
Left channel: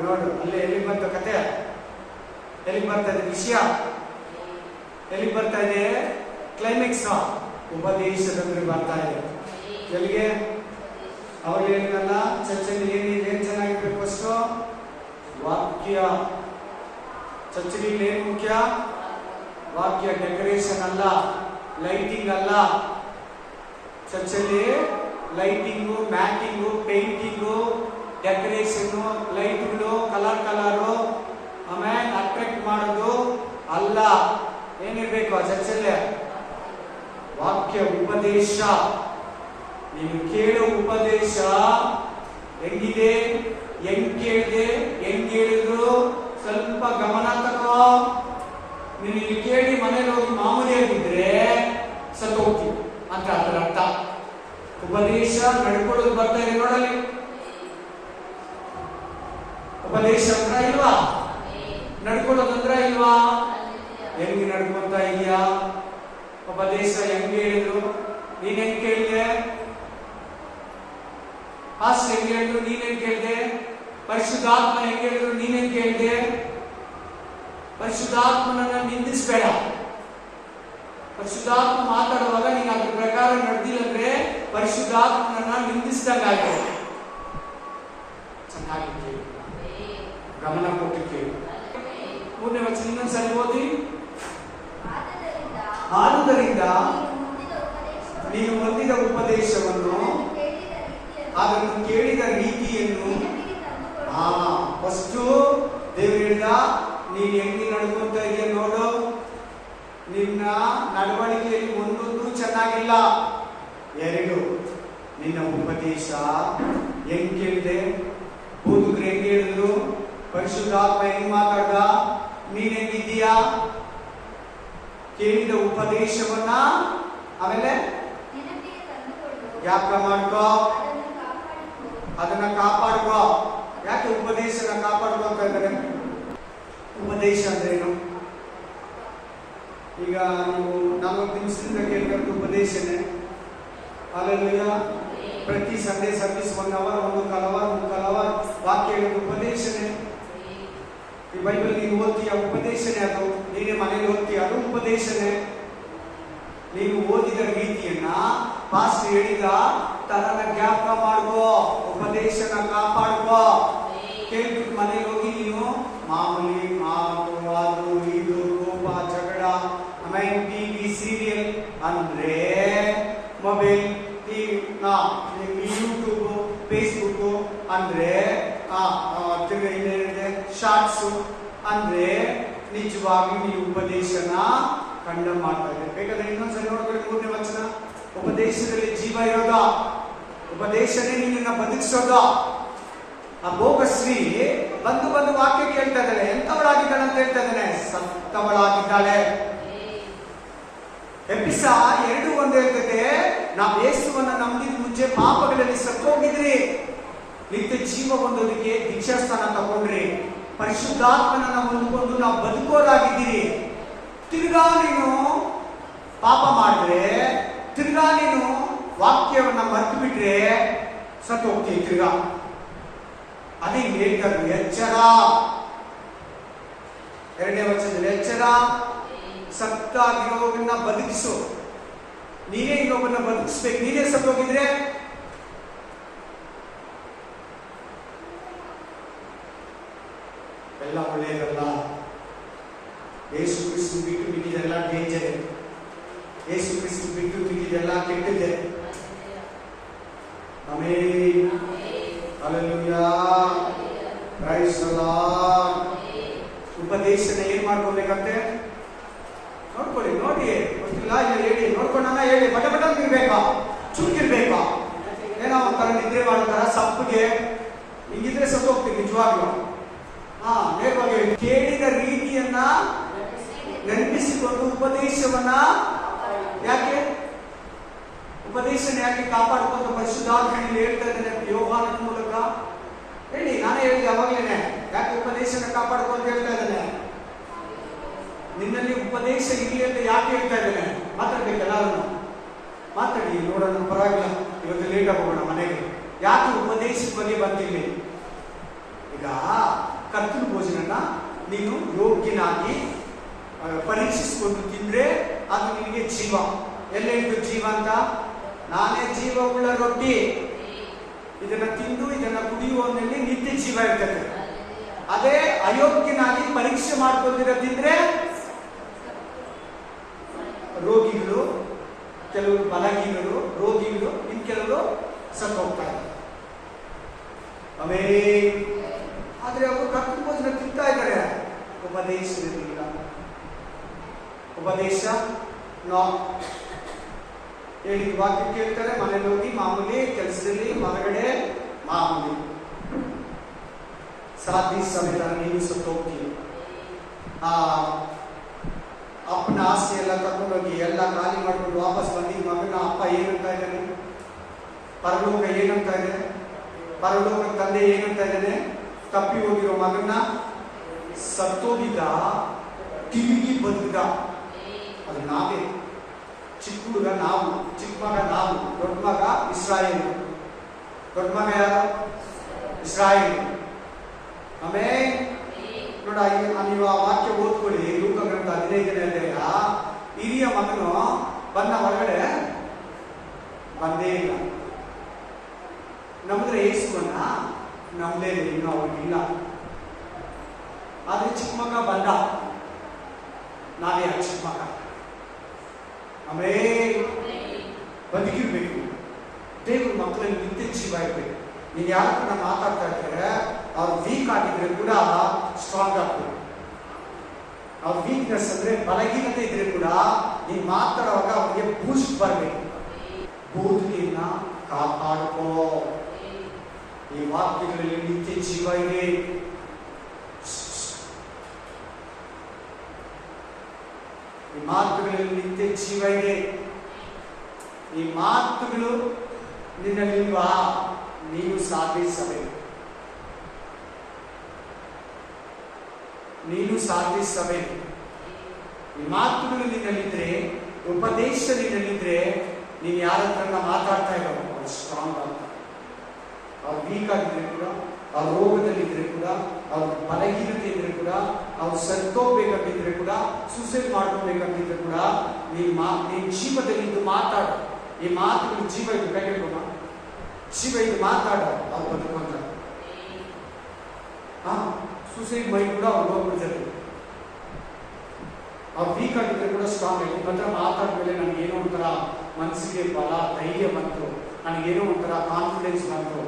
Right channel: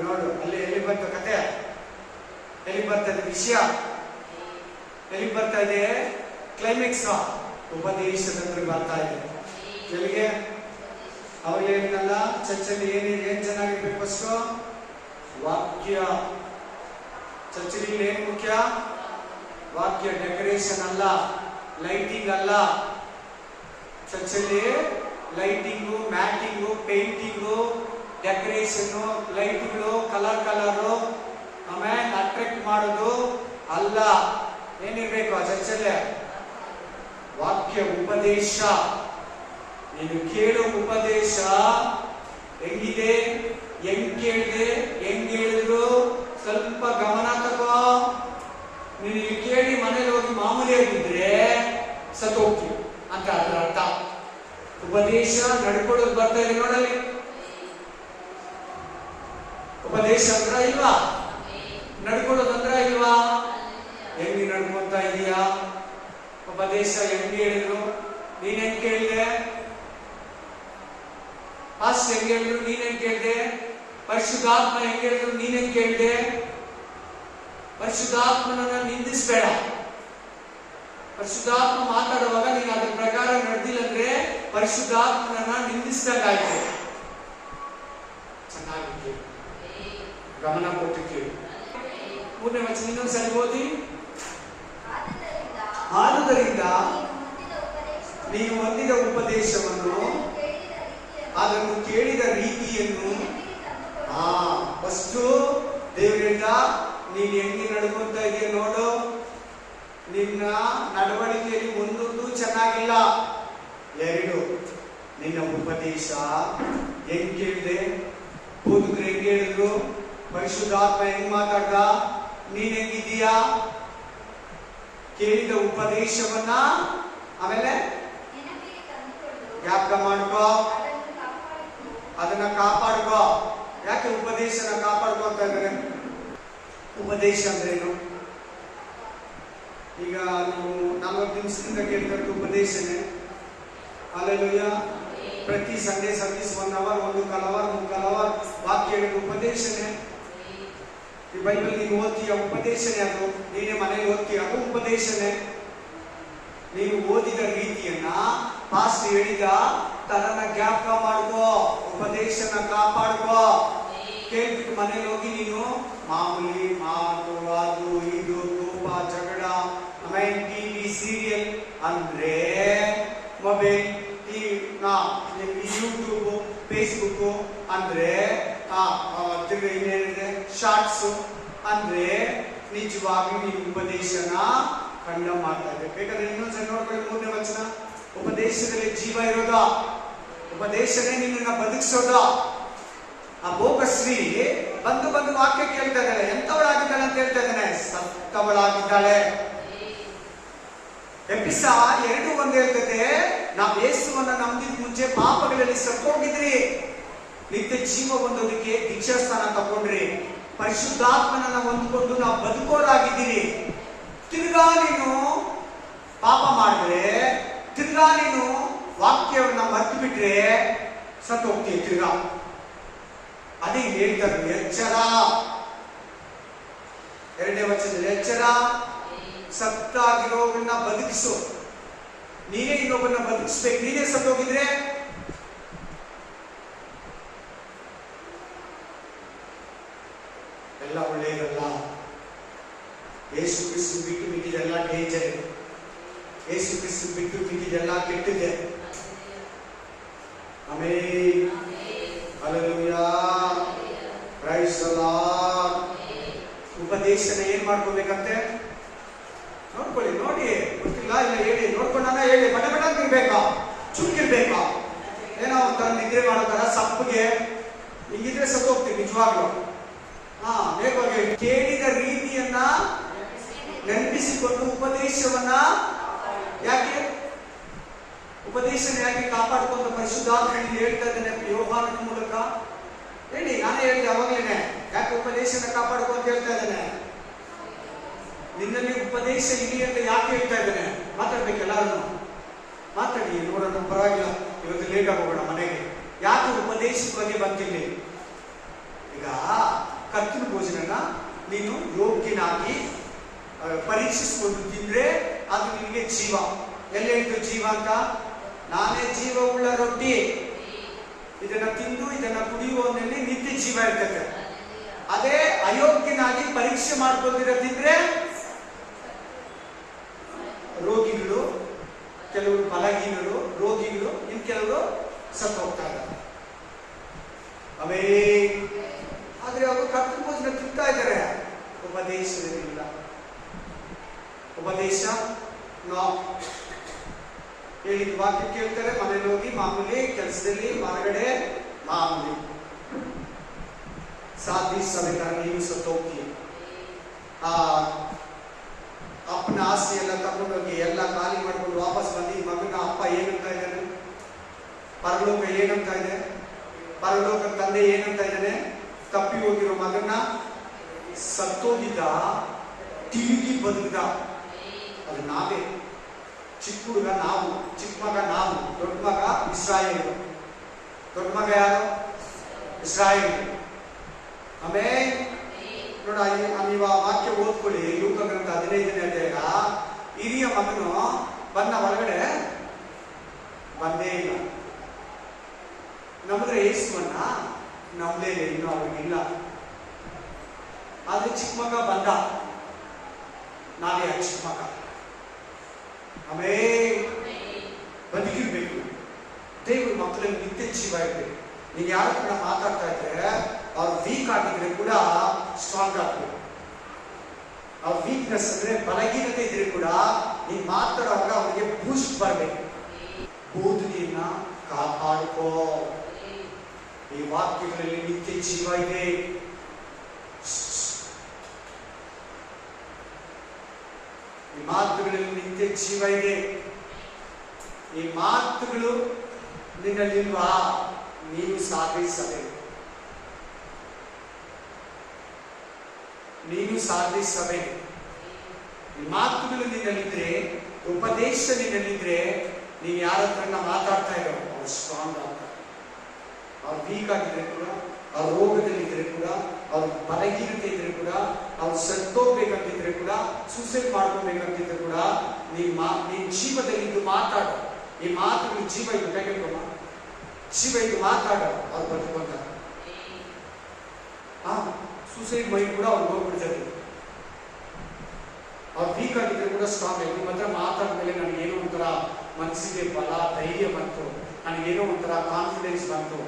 ನೋಡು ಅಲ್ಲಿ ಎಲ್ಲಿ ಬಂತು ಕತೆ? ಎಲ್ಲಿಗೆ ಬರ್ತಾ ಇದೆ ವಿಷಯ? ಎಲ್ಲಿಗೆ ಬರ್ತಾ ಇದೆ? ಕ್ಲೈಮ್ಯಾಕ್ಸ್ ಉಪದೇಶದಂದ್ರೆ ಬರ್ತಾ ಇದೆ. ಎಲ್ಲಿಗೆ? ಅವಳು ಹೇಳಿದ್ನಲ್ಲ, ಚರ್ಚಲ್ಲಿ ಏನ್ ಚೆನ್ನಾಗಿರ್ಬೇಕು? ಫಸ್ಟ್ ವಾಕ್ಯ. ಚರ್ಚಲ್ಲಿ ಏನ್ ಮುಖ್ಯ? ವಾಕ್ಯ. ಡೆಕೋರೇಷನ್ ಅಲ್ಲ, ಲೈಟಿಂಗ್ ಅಲ್ಲ. ಚರ್ಚಲ್ಲಿ ಲೈಟಿಂಗು, ಮ್ಯಾಟಿಂಗು, ಪೇಂಟಿಂಗು, ಡೆಕೋರೇಷನ್ನು, ಲೈಟ್ಗಳು, ಕಲರು, ಆಮೇಲೆ ಅಟ್ರಾಕ್ಟ್ ಮಾಡೋದು ಅಲ್ಲ. ಏನಿರ್ಬೇಕು ಆ ಚರ್ಚಲ್ಲೇ? ವಾಕ್ಯ ಉಪದೇಶ. ನೀನು ಕೇಳೋ ಉಪದೇಶ ಹೆಂಗಿದೆ, ಹೆಂಗ್ ಕೇಳಿದೆ, ಹೆಂಗ್ ಹೇಳಿದ್ರು ಸ್ವಲ್ಪ ಗಮನ ತಗೋ. ನೀನು ಕೇಳಿ ಮನೇಲಿ ಹೋಗಿ ಮಾಮೂಲಿಯಾಗಿದ್ರೆ ಸತ್ತೋಗ್ತೀವಿ ಅಂತ ಅದರ ಅರ್ಥ. ಉಪದೇಶ ನಡ್ಕೊಳ್ಳೋದು ಬರ್ತಾ ಇದೆ ನೋಡಲ್ಲಿ. ಉಪದೇಶ ಅಂದ್ರ ಇಲ್ವಾ? ನಡ್ಕೊಳ್ಳೋದಂದ್ರ ಇಲ್ವಾ? ಹೆಂಗ್ ನಡ್ಕೊತಾ ಇದೀಯಾ? ಉಪದೇಶ ಹೆಂಗ್ ಹೇಳಿದ್ರು ನೀನ್ ಹೆಂಗ್ ಕೇಳಿದೆ? ಪಾಸ್ಟ್ ಹೆಂಗ್ ಹೇಳಿದ್ರು ನೀನ್ ಹೆಂಗ್ ಕೇಳಿದೆ? ಪರಿಶುದ್ಧಾತ್ಮ ಹೆಂಗ್ ಹೇಳಿದ್ರು ನೀನ್ ಹೆಂಗ್ ಕೇಳಿದೆ? ಪರಿಶುದ್ಧಾತ್ಮನನ್ನ ನಿಂದಿಸ್ಬೇಡ. ಪರಿಶುದ್ಧಾತ್ಮ ಮಾತಾಡುವಾಗ ನೀನು ಅದ್ರ ಪ್ರಕಾರ ನಡೆದಿಲ್ಲ ಅಂದ್ರೆ ಪರಿಶುದ್ಧಾತ್ಮನನ್ನ ನಿಂದಿಸಿದಂಗಾಯ್ತು. ಚೆನ್ನಾಗಿ ಕೇಳಿ, ಗಮನ ಕೊಟ್ಟು ಕೇಳಿ. 3ನೇ ವಚನ ಇನ್ನೊಂದ್ಸರಿ ಓದಿ. ಆದುದರಿಂದ ನೀನು ಹೊಂದಿದ ಉಪದೇಶವನ್ನು, ಅದನ್ನು ಕೇಳಿದ ರೀತಿಯನ್ನು, ಫಸ್ಟು ದೇವ್ರು ಹೇಳ್ದ ನೀನ್ ಹೆಂಗೆ ನಡ್ಕೊಂತ ಇದೆಯಾ ನೋಡು. ನಿನ್ನ ನಡವಳಿಕೆಯಲ್ಲಿ ಒಂದೊಂದು ಚೆನ್ನಾಗಿಲ್ಲ. 2, ನಿನ್ನ ಉಪದೇಶ ಹೆಂಗ್ ಕೇಳಿದೆ? ಬೋಧಕರು ಹೆಂಗ್ ಹೇಳಿದ್ರು? ಪರಿಶುದ್ಧಾತ್ಮ ಹೆಂಗ್ ಮಾತಾಡ್ದ? ನೀನ್ ಹೆಂಗಿದ್ದೀಯಾ? ಕೇಳಿದ ಉಪದೇಶವನ್ನ ಆಮೇಲೆ ಜ್ಞಾಪಕ ಮಾಡ್ಕೋ, ಅದನ್ನ ಕಾಪಾಡ್ಕೋ. ಯಾಕೆ ಉಪದೇಶನ ಕಾಪಾಡ್ಕೋ ಅಂತ ಇದ್ದಾರೆ? ಉಪದೇಶ ಅಂದ್ರೇನು? ಈಗ ನೀವು 40 ನಿಮಿಷದಿಂದ ಕೇಳ್ತಾ ಉಪದೇಶನೇ. ಅಲ್ಲೆಲ್ಲೂಯ್ಯ. ಪ್ರತಿ ಸಂಡೇ ಸರ್ವಿಸ್ 1 ಅವರ್, 1 ಅವರ್ ವಾಕ್ಯ ಹೇಳೋದು ಉಪದೇಶನೇ. ಈ ಬೈಬಲ್ ನೀನು ಓದ್ತೀಯ, ಉಪದೇಶನೇ. ಅದು ನೀನೇ ಮನೇಲಿ ಓದ್ತೀಯ, ಅದು ಉಪದೇಶನೇ. ನೀನು ಓದಿದ ರೀತಿಯನ್ನ ಪಾಸ್ಟ್ ಹೇಳಿದ ತರನ ಜ್ಞಾಪಕ ಮಾಡ್ಕೋ, ಉಪದೇಶನ ಕಾಪಾಡ್ಕೋ. ಕೇಳ್ಬಿಟ್ಟು ಮನೇಲಿ ಹೋಗಿ ನೀನು ಮಾಮೂಲಿ ಮಾತು, ಅದು ಇದು, ಕೋಪ, ಜಗಳ, ಆಮೇಲೆ ಟಿವಿ ಸೀರಿಯಲ್ ಅಂದ್ರೆ ಮೊಬೈಲ್, ಯೂಟ್ಯೂಬ್, ಫೇಸ್ಬುಕ್ ಅಂದ್ರೆ ಇನ್ನೇನಿದೆ ಶಾರ್ಟ್ಸ್ ಅಂದ್ರೆ ನಿಜವಾಗಿ ನೀನು ಉಪದೇಶನ ಖಂಡ ಮಾಡ್ತಾ ಇದೆ. ಬೇಕಾದ್ರೆ ಇನ್ನೊಂದ್ಸಲ ನೋಡ್ಕೊಳ್ಳಿ 3ನೇ ವಚನ. ಉಪದೇಶದಲ್ಲಿ ಜೀವ ಇರೋದ, ಉಪದೇಶನೇ ನಿನ್ನನ್ನ ಬದುಕಿಸೋದ. ಆ ಭೋಗಶ್ರೀ ಬಂದು ವಾಕ್ಯ ಕೇಳ್ತಾ ಇದ್ದಾಳೆ. ಎಂತವಳಾಗಿದ್ದಾಳೆ ಅಂತ ಹೇಳ್ತಾ ಇದ್ದಾನೆ? ಸತ್ತವಳಾಗಿದ್ದಾಳೆ. ಎಪಿಸ 2:1 ಹೇಳ್ತದೆ, ನಾವು ಯೇಸುವನ್ನ ನಂಬಿದ ಮುಂಚೆ ಪಾಪಗಳಲ್ಲಿ ಸತ್ತೋಗಿದ್ರಿ, ನಿತ್ಯ ಜೀವ ಹೊಂದೋದಕ್ಕೆ ದೀಕ್ಷಾಸ್ಥಾನ ತಗೊಂಡ್ರಿ, ಪರಿಶುದ್ಧಾತ್ಮನನ್ನ ಹೊಂದ್ಕೊಂಡು ನಾವು ಬದುಕೋರಾಗಿದ್ದೀರಿ. ತಿರ್ಗಾ ನೀನು ಪಾಪ ಮಾಡಿದ್ರೆ, ತಿರ್ಗಾ ನೀನು ವಾಕ್ಯವನ್ನ ಮರ್ತು ಬಿಟ್ರೆ ಸತ್ತು ಹೋಗ್ತೀವಿ ತಿರ್ಗಾ. ಅದೇ ಹೇಳ್ತಾರೆ ಎಚ್ಚರ. 2ನೇ ವಚನದಲ್ಲಿ ಎಚ್ಚರ. ಸತ್ತಾಗಿರೋವನ್ನ ಬದುಕಿಸು. ನೀನೇ ಇನ್ನೊಬ್ಬನ್ನ ಬದುಕಿಸ್ಬೇಕು. ನೀನೇ ಸತ್ತೋಗಿದ್ರೆ ಎಲ್ಲ ಒಳ್ಳೆಯದಲ್ಲ. ಯೇಸು ಕ್ರಿಸ್ತು ಬಿಟ್ಟು ಮಿಕ್ಕಿದೆಲ್ಲ ಡೇಂಜರ್. ಯೇಸು ಕ್ರಿಸ್ತು ಬಿಟ್ಟು ಮಿಕ್ಕಿದೆಲ್ಲ ಕೆಟ್ಟಿದೆ. Amen. Hallelujah. Praise the Lord. ಉಪದೇಶನ ಏನ್ ಮಾಡ್ಕೊಬೇಕಂತೆ ನೋಡ್ಕೊಳ್ಳಿ. ನೋಡಿ, ಗೊತ್ತಿಲ್ಲ ಇಲ್ಲ ಹೇಳಿ, ನೋಡ್ಕೊಂಡ ಹೇಳಿ. ಬಟ ಅಂತ ಇರ್ಬೇಕಾ? ಚುರುಕಿರ್ಬೇಕಾ? ಏನೋ ಒಂಥರ ನಿದ್ರೆ ಮಾಡ್ತಾರ ಸಪ್ಪಗೆ ಹಿಂಗಿದ್ರೆ ಸತ್ತು ಹೋಗ್ತೀವಿ ನಿಜವಾಗ್ಲು. ನೇರವಾಗಿ ಕೇಳಿದ ರೀತಿಯನ್ನ ನೆನಪಿಸಿಕೊಂಡು ಉಪದೇಶವನ್ನ ಯಾಕೆ ಉಪದೇಶನ ಯಾಕೆ ಕಾಪಾಡ್ಕೊಂಡು ಪರಿಶುದ್ಧಾತ್ಮ ಹೇಳ್ತಾ ಇದ್ದೇನೆ ಯೋಹಾನದ ಮೂಲಕ ಹೇಳಿ. ನಾನೇ ಹೇಳಿದೆ ಅವಾಗಲೇನೆ, ಯಾಕೆ ಉಪದೇಶನ ಕಾಪಾಡ್ಕೊ ಅಂತ ಹೇಳ್ತಾ ಇದ್ದೇನೆ. ನಿನ್ನಲ್ಲಿ ಉಪದೇಶ ಇಲ್ಲಿ ಅಂತ ಯಾಕೆ ಹೇಳ್ತಾ ಇದ್ದೇನೆ? ಮಾತಾಡ್ಬೇಕೆಲ್ಲರೂ ಮಾತಾಡಿ, ನೋಡೋಣ, ಪರವಾಗಿಲ್ಲ. ಇವತ್ತು ಲೇಟ್ ಆಗೋಣ ಮನೆಗೆ. ಯಾಕೆ ಉಪದೇಶದ ಬಗ್ಗೆ ಬಂತಿಲ್ಲ? ಈಗ ಕರ್ತನ ಭೋಜನನ ನೀನು ಯೋಗ್ಯನಾಗಿ ಪರೀಕ್ಷಿಸಿಕೊಂಡು ತಿಂದ್ರೆ ಅದು ನಿನಗೆ ಜೀವ. ಎಲ್ಲೆಂಟು ಜೀವ ಅಂತ? ನಾನೇ ಜೀವವುಳ್ಳ ರೊಟ್ಟಿ, ಇದನ್ನ ತಿಂದು ಇದನ್ನ ಕುಡಿಯುವವನಲ್ಲಿ ನಿತ್ಯ ಜೀವ ಇರ್ತದೆ. ಅದೇ ಅಯೋಗ್ಯನಾಗಿ ಪರೀಕ್ಷೆ ಮಾಡ್ಕೊಂಡಿರೋ ತಿಂದ್ರೆ ರೋಗಿಗಳು, ಕೆಲವರು ಬಲಹೀನರು, ರೋಗಿಗಳು, ಇನ್ ಕೆಲವರು ಸತ್ತು ಹೋಗ್ತಾ ಇದ್ದಾರೆ. ಆದ್ರೆ ಅವರು ಕರ್ತನ ಭೋಜನ ತಿಂತಾ ಇದ್ದಾರೆ, ಉಪದೇಶವಿಲ್ಲ. ಉಪದೇಶ ಹೇಳಿದ ವಾಕ್ಯ ಕೇಳ್ತಾರೆ, ಮನೇಲಿ ಹೋಗಿ ಮಾಮೂಲಿ, ಕೆಲಸದಲ್ಲಿ ಹೊರಗಡೆ ಮಾಮೂಲಿ. ಸಾಧಿ ಸಮೇತ ನೀನು ಸತ್ತು ಹೋಗ್ತೀವಿ. ಅಪ್ಪನ ಆಸ್ತಿ ಎಲ್ಲ ತಗೊಂಡೋಗಿ ಎಲ್ಲ ಖಾಲಿ ಮಾಡ್ಕೊಂಡು ವಾಪಸ್ ಬಂದಿ ಮಗನ ಅಪ್ಪ ಏನಂತ ಇದ್ದಾನೆ? ಪರಲೋಕ ಏನಂತ ಇದೆ? ಪರಲೋಕ ತಂದೆ ಏನಂತ ಇದ್ದಾನೆ? ತಪ್ಪಿ ಹೋಗಿರೋ ಮಗನ ಸತ್ತೋಗಿದ್ದ, ತಿರುಗಿ ಬದುಕಿದ. ಅದು ನಾವೇ. ಚಿಕ್ಕ ಹುಡುಗ ನಾವು, ಚಿಕ್ಕ ಮಗ ನಾವು, ದೊಡ್ಡ ಮಗ ಇಸ್ರಾಯೇಲ್. ದೊಡ್ಡ ಮಗ ಯಾರು? ಇಸ್ರಾಯೇಲ್. ಆಮೇಲೆ ನೋಡ, ನೀವು ಆ ವಾಕ್ಯ ಓದ್ಕೊಳ್ಳಿ. ಲೂಕ ಗ್ರಂಥ 15ನೇ ಅಧ್ಯಾಯ. ಹಿರಿಯ ಮಗನು ಬಂದ, ಹೊರಗಡೆ ಬಂದೇ ಇಲ್ಲ. ನಮ್ದ್ರೆ ಯೇಸುವನ್ನ ನಮ್ದೇ ಇನ್ನು ಅವ್ರಿಗಿಲ್ಲ. ಆದ್ರೆ ಚಿಕ್ಕ ಮಗ ಬಂದ, ನಾವೇ ಆ ಚಿಕ್ಕ ಮಗ. ಆಮೇಲೆ ಬದುಕಿರ್ಬೇಕು. ದೇವ್ರ ಮಕ್ಕಳಲ್ಲಿ ನಿತ್ಯ ಜೀವ ಇರ್ಬೇಕು. ನೀನ್ ಯಾರ ಕೂಡ ಮಾತಾಡ್ತಾ ಇದ್ರೆ ಅವ್ರು ವೀಕ್ ಆಗಿದ್ರೆ ಕೂಡ ಸ್ಟ್ರಾಂಗ್ ಆಗ್ಬೇಕು. ಅವ್ರ ವೀಕ್ನೆಸ್ ಅಂದ್ರೆ ಬಲಹೀನತೆ ಇದ್ರೆ ಕೂಡ ನೀನ್ ಮಾತಾಡುವಾಗ ಅವ್ರಿಗೆ ಬೂಸ್ಟ್ ಬರ್ಬೇಕು. ಬೋಧನೆಯನ್ನ ಕಾಪಾಡ್ಕೋ. ಈ ವಾಕ್ಯಗಳಲ್ಲಿ ನಿತ್ಯ ಜೀವ ಇದೆ. ಈ ಮಾತುಗಳಲ್ಲಿ ನಿತ್ಯ ಜೀವ ಇದೆ. ಈ ಮಾತುಗಳು ನಿನ್ನಲ್ಲಿಲ್ವಾ? ನೀನು ಸಾಧಿಸಬೇಕು. ನೀನು ಸಾಧಿಸಬೇಕು. ಈ ಮಾತುಗಳು ನಿನ್ನಲ್ಲಿದ್ರೆ, ಉಪದೇಶ ನಿನ್ನಲ್ಲಿದ್ರೆ, ನೀನು ಯಾರ ಹತ್ರ ಮಾತಾಡ್ತಾ ಇರೋ ಅವ್ರು ಸ್ಟ್ರಾಂಗ್ ಆಗ್ತಾರೆ. ಅವ್ರು ವೀಕ್ ಆಗಿದ್ರೆ ಕೂಡ, ಅವ್ರ ರೋಗದಲ್ಲಿದ್ರೆ ಕೂಡ, ಅವ್ರ ಬಲಹೀನತೆ ಇದ್ರೆ ಕೂಡ, ಅವ್ರು ಸತ್ತೋಗ್ಬೇಕಂತಿದ್ರೆ ಕೂಡ, ಸೂಸೈಡ್ ಮಾಡ್ಕೋಬೇಕಂತಿದ್ರೆ ಕೂಡ, ನೀನ್ ಜೀವದಲ್ಲಿದ್ದು ಮಾತಾಡು. ಈ ಮಾತುಗಳು ಜೀವ ಇದ್ದು ಕೈಗೆಳ್ಕೊಮ್ಮ. ಜೀವ ಇದ್ದು ಮಾತಾಡು, ಅವ್ರು ಬದುಕೊಂತಾರೆ. ಸೂಸೈಡ್ ಮೈಂಡ್ ಕೂಡ ಅವ್ರು ಹೋಗ್ಬಿಡ್ತಾರೆ. ಅವ್ರು ವೀಕ್ ಆಗಿದ್ರೆ ಕೂಡ ಸ್ಟ್ರಾಂಗ್ ಆಗಿ ನಿಮ್ಮ ಹತ್ರ ಮಾತಾದ್ಮೇಲೆ ನನಗೇನೋ ಒಂಥರ ಮನಸ್ಸಿಗೆ ಬಲ, ಧೈರ್ಯ ಬಂತು, ನನಗೇನೋ ಒಂಥರ ಕಾನ್ಫಿಡೆನ್ಸ್ ಬಂತು.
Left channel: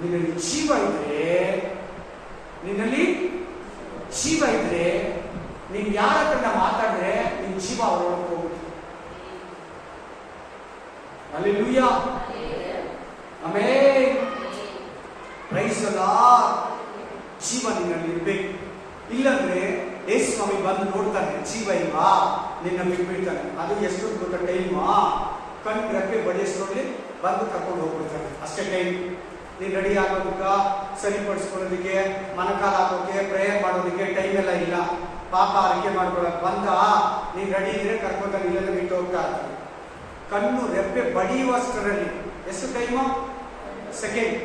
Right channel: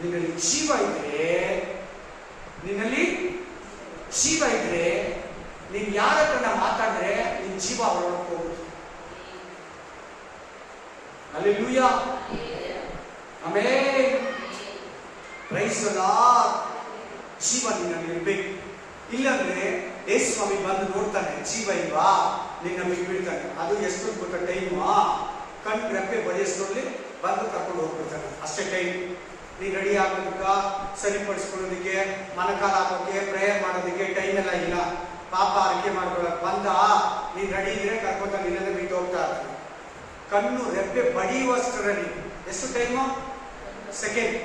ನಿನ್ನಲ್ಲಿ ಜೀವ ಇದ್ರೆ, ನಿನ್ನಲ್ಲಿ ಜೀವ ಇದ್ರೆ, ನೀನ್ ಯಾರ ಹತ್ರ ಮಾತಾಡಿದ್ರೆ ನಿನ್ ಜೀವ ಅವರೊಳಗೆ ಹೋಗುತ್ತೆ. ಹಲ್ಲೆಲೂಯಾ. ಆಮೇಲೆ ಪ್ರೈಸ್ ದಿ ಲಾರ್ಡ್. ಜೀವ ನಿನ್ನಲ್ಲಿ ಇರ್ಬೇಕು. ಇಲ್ಲಂದ್ರೆ ಯೇಸು ಸ್ವಾಮಿ ಬಂದು ನೋಡ್ತಾನೆ, ಜೀವ ಇಲ್ವಾ, ನಿನ್ನ ಬಿಟ್ಬಿಡ್ತಾನೆ. ಅದು ಎಷ್ಟು ಗೊತ್ತ ಟೈಮು? ಕಣ್ ರೆಪ್ಪೆ ಬಡಿಯೋಷ್ಟ್ರಲ್ಲಿ ಬಂದು ಕರ್ಕೊಂಡು ಹೋಗ್ಬಿಡ್ತಾನೆ. ಅಷ್ಟೇ ಟೈಮ್. ನೀನ್ ರೆಡಿ ಆಗೋದಕ್ಕ, ಸರಿಪಡಿಸ್ಕೊಳ್ಳೋದಕ್ಕೆ, ಮನಕಾಲ ಹಾಕೋಕೆ, ಪ್ರೇಯರ್ ಮಾಡೋದಕ್ಕೆ ಟೈಮ್ ಎಲ್ಲ ಇಲ್ಲ. ಪಾಪ ಅರಿಕೆ ಮಾಡ್ಕೊಳಕ್ ಬಂದ, ನೀನ್ ರೆಡಿ ಇದ್ರೆ ಕರ್ಕೊತಾನೆ, ಇಲ್ಲದ ಬಿಟ್ಟು ಹೋಗ್ತಾ ಇರ್ತಾನೆ. ಕಣ್ಣು ರೆಪ್ಪೆ ಬಡಿಯುವಷ್ಟರಲ್ಲಿ ಎಷ್ಟು ಟೈಮು? ಸೆಕೆಂಡ್.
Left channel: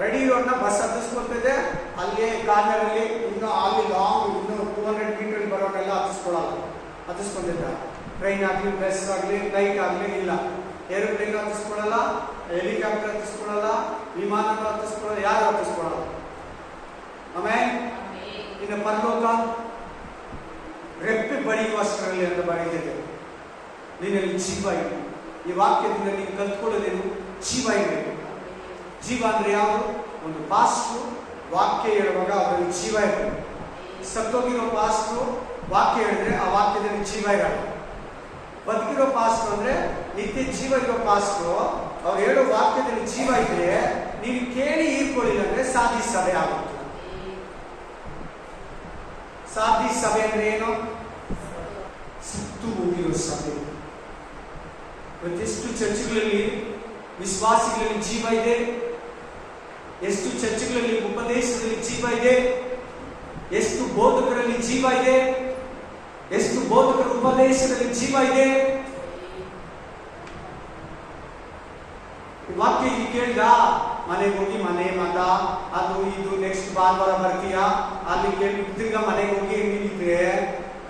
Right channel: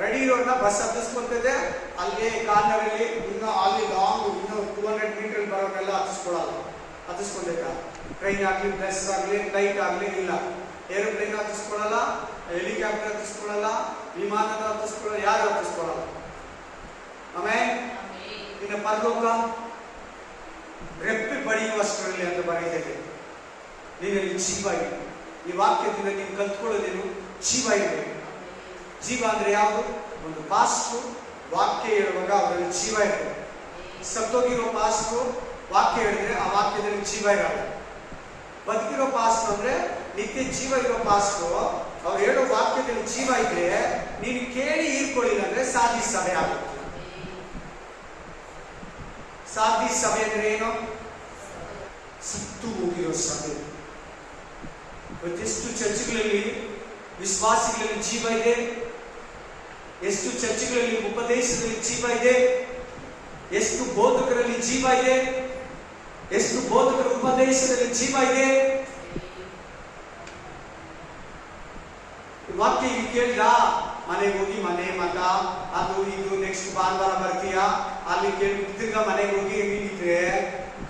ರೆಡಿ ಇರೋನ್ನ ಬಸ್ ಹತ್ತಿಸ್ಕೊಳ್ತಿದೆ, ಅಲ್ಲಿ ಕಾರ್ನರಲ್ಲಿ ಇನ್ನು ಅಲ್ಲಿ ಲಾಂಗ್ ಇನ್ನು 200 ಮೀಟರ್ ಬರೋರೆಲ್ಲ ಹತ್ತಿಸ್ಕೊಂಡಿದ್ದ. ಟ್ರೈನ್ ಆಗ್ಲಿ, ಬಸ್ ಆಗ್ಲಿ, ಫ್ಲೈಟ್ ಆಗ್ಲಿ ಇಲ್ಲ. ಏರೋಪ್ಲೇನ್ ಹತ್ತಿಸ್ಕೊಳ್ಳಲ್ಲ, ಹೆಲಿಕಾಪ್ಟರ್ ಹತ್ತಿಸ್ಕೊಳ್ಳಲ್ಲ, ವಿಮಾನ ಹತ್ತಿಸ್ಕೊಳ್ಳಲ್ಲ, ಯಾರು ಹತ್ತಿಸ್ಕೊಳ್ಳಲ್ಲ. ಆಮೇಲೆ ಇನ್ನು ಪರಲೋಕ ರೆಪ್ಪೆ ಬಡಿಯುವಷ್ಟರಲ್ಲಿ ಅಂತ ಬರೀತಿದೆ. ನಿನ್ನಲ್ಲಿ ಜೀವ ಇದೆ. ಈ ವಾಕ್ಯದಿಂದ ನೀನು ಕಲ್ತ್ಕೊಳ್ಳೋದೇನು? ಜೀವ ಇರಬೇಕು. ಜೀವ ಅಂದ್ರೆ ಯಾವುದು? ಒಂದು ಪಾಸ್ಟ್ರು ವಾಕ್ಯ ಹೇಳುವಾಗ ಅವರಲ್ಲಿ ಜೀವ ಇರಬೇಕು. ಸತ್ತೋಗಿರೋ ಪಾಸ್ಟ್ರು ವಾಕ್ಯ ಹೇಳಿದ್ರೆ ಆ ವಾಕ್ಯದಲ್ಲಿ ಜೀವ ಇರಲ್ಲ. ಬದುಕಿರೋ ಪಾಸ್ಟ್ರು ಅಂದ್ರೆ ನಿತ್ಯ ಜೀವ ಇರೋ ಪಾಸ್ಟ್ರು, ಅವ್ರು ಹೇಳೋ ವಾಕ್ಯದಲ್ಲಿ ಜೀವ ಇದ್ರೆ ನೀನು ಕೇಳಿ ಹೀರ್ಕೊಳ್ಳಿಲ್ಲ ಅಂದ್ರೆ ಸಾಧಿ ಸಭೆ ಆಗುತ್ತೆ. ಸಾಧಿ ಸಭೆ ಅಂದ್ರೆ ಏನು? ಸತ್ತು ಹೋಗಿರೋ ಸಭೆ. ಇವತ್ತೆಷ್ಟು ಚರ್ಚ್ಗಳಲ್ಲಿ ವಿಶ್ವಾಸಿಗಳಲ್ಲಿ ಜೀವ ಇದೆ, ಎಷ್ಟು ಚರ್ಚ್ಗಳಲ್ಲಿ ಉಪದೇಶದಲ್ಲಿ ಜೀವ ಇದೆ, ಎಷ್ಟು ಬೋಧಕರಲ್ಲಿ ಜೀವ ಇದೆ, ಎಷ್ಟು ಬೋಧಕರ ಉಪದೇಶದಲ್ಲಿ ಜೀವ ಇದೆ. ವಾಕ್ಯ ಇಲ್ಲಿ ಕೇಳಿದ, ಮನೆಗೆ ಹೋಗಿ ಮನೆ ಮತ ಅದು ಇದು ನೆಕ್ಸ್ಟ್ ಭಾನುವಾರ ಬರ್ತೀಯಾ, ಅಲ್ಲಿ ಕೇಳಿ ತಿರ್ಗಾ ಮನೆಗೆ ಹೋಗಿ ನೀನಿದ್ರೆ